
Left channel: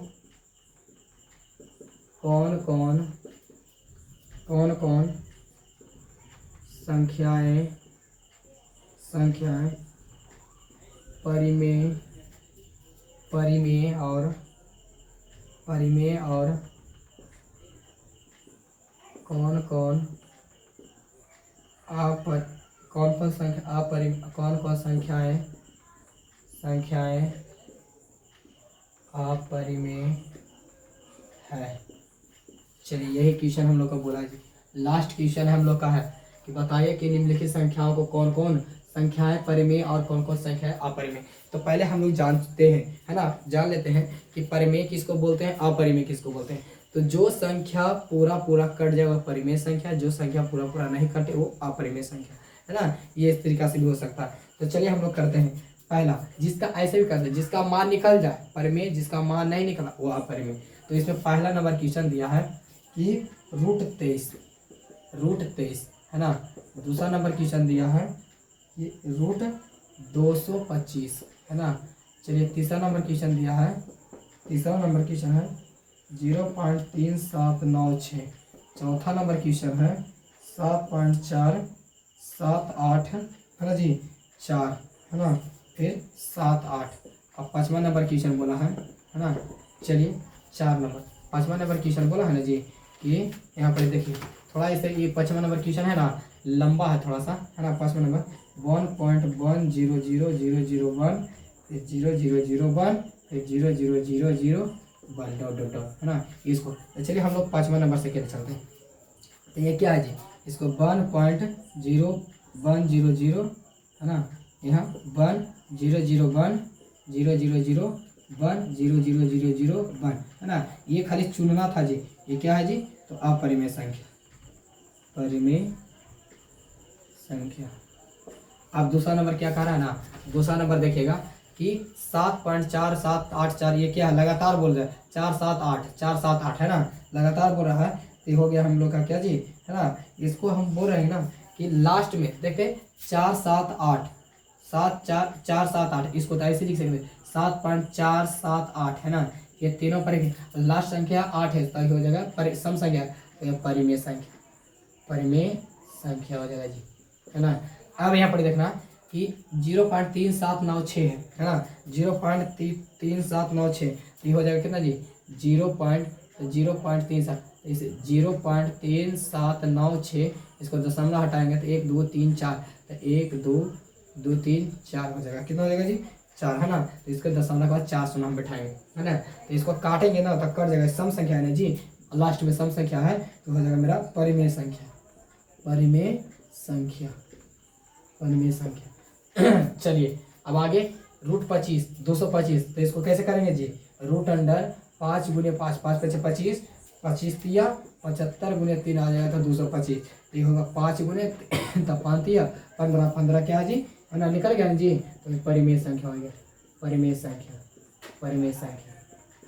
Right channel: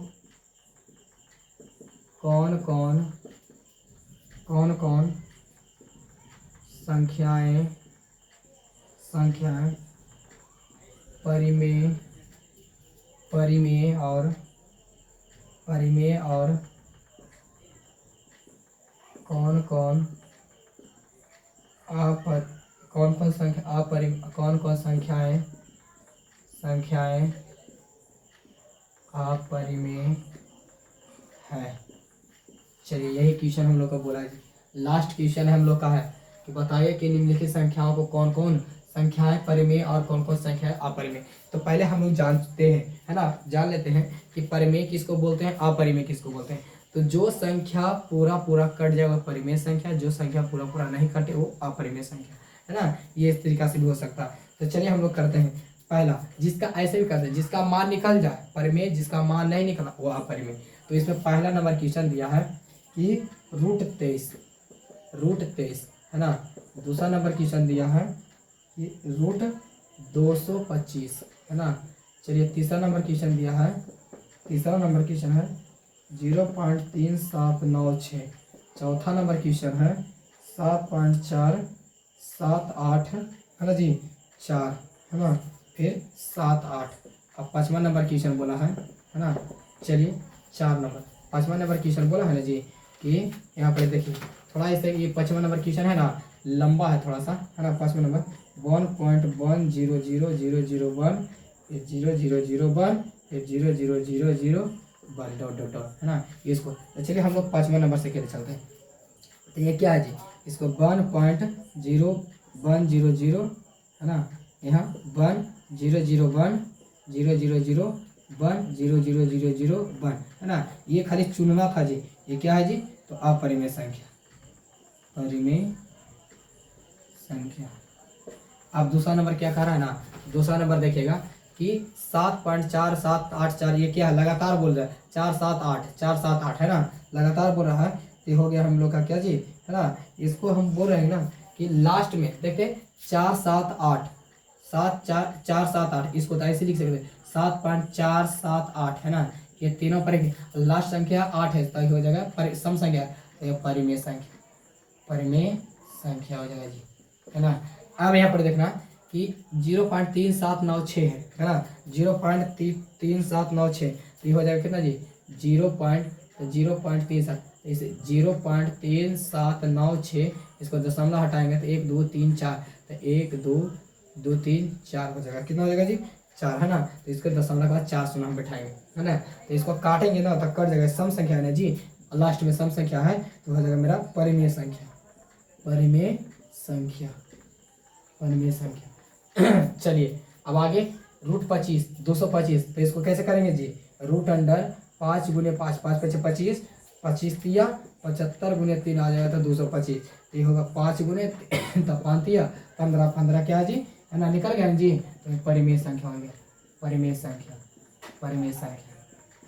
कौन कौन संख्याएं परिमेय और कौन कौन संख्याएं अपरिमेय है। चलिए यही क्वेश्चन हम लोग का बोला है, लास्ट क्वेश्चन हम लोग का है कि बताइए कि निम्नलिखित संख्याओं को कौन कौन संख्याएं परिमेय और कौन कौन संख्याएं अपरिमेय। तो पहले हम लोग जानते हैं है ना, जान लेते हैं कि परिमेय किसको बोलते हैं, अपरिमेय किसको बोलते हैं। तो जो संख्या पूरा कट जाए वह परिमेय संख्या, जो संख्या पूरा नहीं कटे वो अपरिमेय संख्या है ना, ये इस तरीका से भी हो सकता है। तो चलिए हम लोग करते हैं पहला, जिसका ऐसे भी करते हैं जिसका मान निकल जाए परिमेय, जिसका मान नहीं निकला वो अपरिमेय। तो इसमें पहला नंबर क्वेश्चन दिया है कि √23 है ना, दूसरा नंबर क्वेश्चन दिया है कि √225 है ना। चलिए तीसरा नंबर क्वेश्चन दिया है, तीसरा नंबर क्वेश्चन है 0.3796। चौथा नंबर क्वेश्चन है 7.478 है ना जी 4 है ना, फिर 7 8। अब 5वां नंबर क्वेश्चन बोला है ना, चलिए 4 नंबर 5वां नंबर क्वेश्चन बोला है ना जी कि यहाँ पर देखिए थोड़ा इसे, ये 5वां नंबर क्वेश्चन है ना लंबा है थोड़ा सा है ना। 5वां नंबर 1.1000001 फिर 0001 फिर 0000 1 डॉट डॉट डॉट है ना इसको। तो चलिए हम लोग 5वां नंबर से कैसे चलते हैं, तो ये क्या है जी, इसको 1.0100 है ना, यहाँ 1001 0001 00001 है ना, ये खाली चुनना था जी, ये क्या है जी, तो अपरिमेय संख्या संख्या। अब दूसरा नंबर क्या कह रहा है ना, दूसरा नंबर देखिएगा कि 7.4784, ये क्या है, लगातार बोल रहा है, 478 478 है ना, लगातार बोल रहा है। तो ये हो गया हम लोग का क्या जी, है ना। इसको हम बोल रहे हैं ना कि लास्ट में देखते 478 74478, इसको तो ऐसे लिख सकते 7.478 है ना। ये तीनों पर लास्ट संख्या 8 है, तो हो जाएगा सम संख्या, तो ये परिमेय संख्या, परिमेय संख्या हो जाएगा जी, है ना। अब यहाँ पर देखना कि 0.3796 है ना, 0.3796, ये हो जाएगा कितना जी, 0.37, इसे 0.3796, इसको दशमलव हटाएंगे तो 1 2 3 4, तो 1 2 2 3 4 हो जाएगा, कितना हो जाएगा जी, 4 है ना। तो इसको दशमलव के बाद 4 हम बैठाएंगे, है ना। तो इसको काटेंगे ना तो कट जाएगा, सम संख्या है ना जी, लास्ट में सम संख्या है, तो हो जाएगा मेरा परिमेय संख्या, परिमेय संख्या, परिमेय संख्या। चलिए अब आगे √25 225, तो इसको कैसे करेंगे जी, √5 × 5 5 × 25 25 तिया 75 × 3 आ जाएगा, तो 225, ये होगा 5 गुने तो 5 तिया 15 15 क्या जी, है ना, निकल गया जी। तो परिमेय संख्या हो गया, परिमेय संख्या, परिमेय संख्या,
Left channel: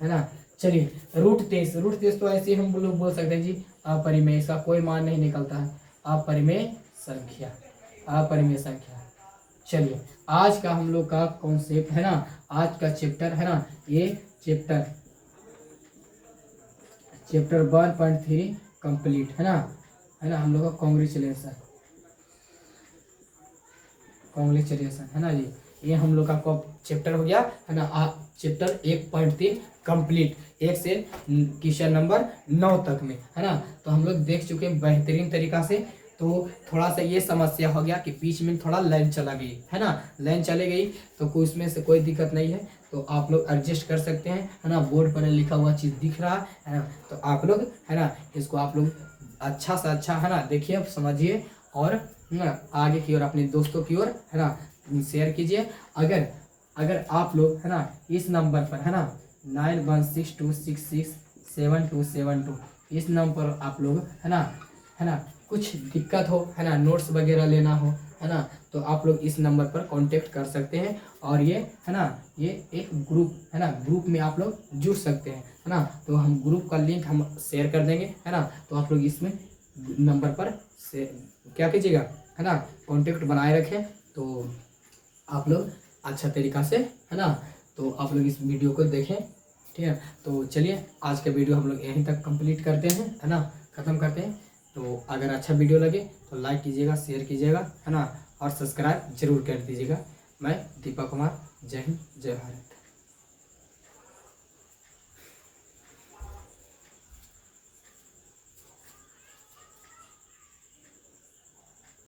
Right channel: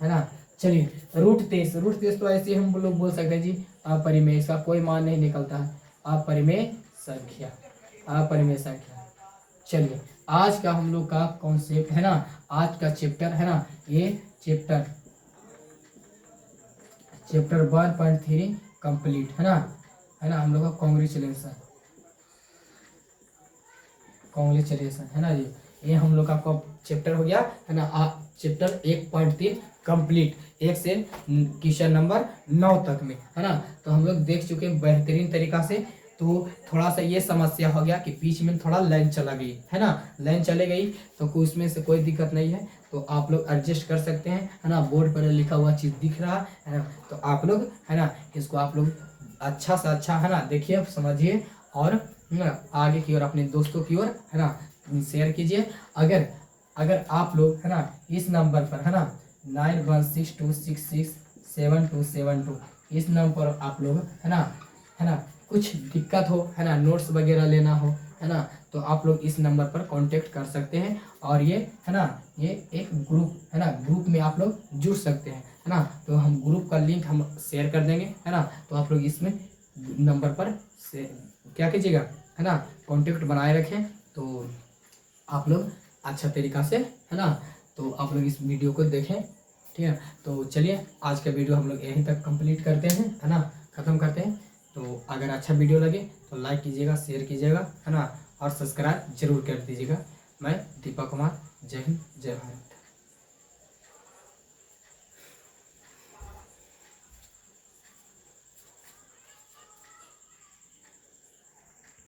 है ना। चलिए √23 तो ऐसे हम लोग बोल सकते हैं जी अपरिमेय, इसका कोई मान नहीं निकलता है, अपरिमेय संख्या, अपरिमेय संख्या। चलिए आज का हम लोग का कॉन्सेप्ट है ना, आज का चैप्टर है ना, ये चैप्टर 1.3 कंप्लीट है ना, है ना। हम लोग का कॉन्ग्रेचुलेसन, कॉन्ग्रेचुलेसन है ना जी, ये हम लोग का चैप्टर हो गया है ना, चैप्टर 1.3 कंप्लीट, 1 से क्वेश्चन नंबर 9 तक में, है ना। तो हम लोग देख चुके हैं बेहतरीन तरीका से। तो थोड़ा सा ये समस्या हो गया कि बीच में थोड़ा लाइन चला गई, है ना, लाइन चले गई, तो कुछ में से कोई दिक्कत नहीं है, तो आप लोग एडजस्ट कर सकते हैं, है ना। बोर्ड पर लिखा हुआ चीज़ दिख रहा है ना, तो आप लोग है ना इसको आप लोग अच्छा से अच्छा है ना देखिए, समझिए, और आगे की ओर अपने दोस्तों की ओर है ना शेयर कीजिए। अगर आप लोग है ना इस नंबर पर है ना 9162667272, इस नंबर पर आप लोग है ना कुछ दिक्कत हो, है ना, नोट्स वगैरह लेना हो, है ना, तो आप लोग इस नंबर पर कांटेक्ट कर सकते हैं। और ये है ना, ये एक ग्रुप है ना, ग्रुप में आप लोग जुड़ सकते हैं, है ना। तो हम ग्रुप का लिंक हम शेयर कर देंगे, है ना। तो आप लोग इसमें नंबर पर से क्या कीजिएगा, है ना, कांटेक्ट बनाए रखें, तो आप लोग अच्छा तरीका से, है ना, तो आप लोग इस वीडियो को देखें, ठीक है। तो चलिए आज का वीडियो हम लोग यहीं तक कंप्लीट करते हैं, है ना, ख़त्म करते हैं। तो अगर अच्छा वीडियो लगे तो लाइक कीजिएगा, शेयर कीजिएगा, है ना, और सब्सक्राइब जरूर कर दीजिएगा। मैं दीपक कुमार, जय हिंद, जय भारत।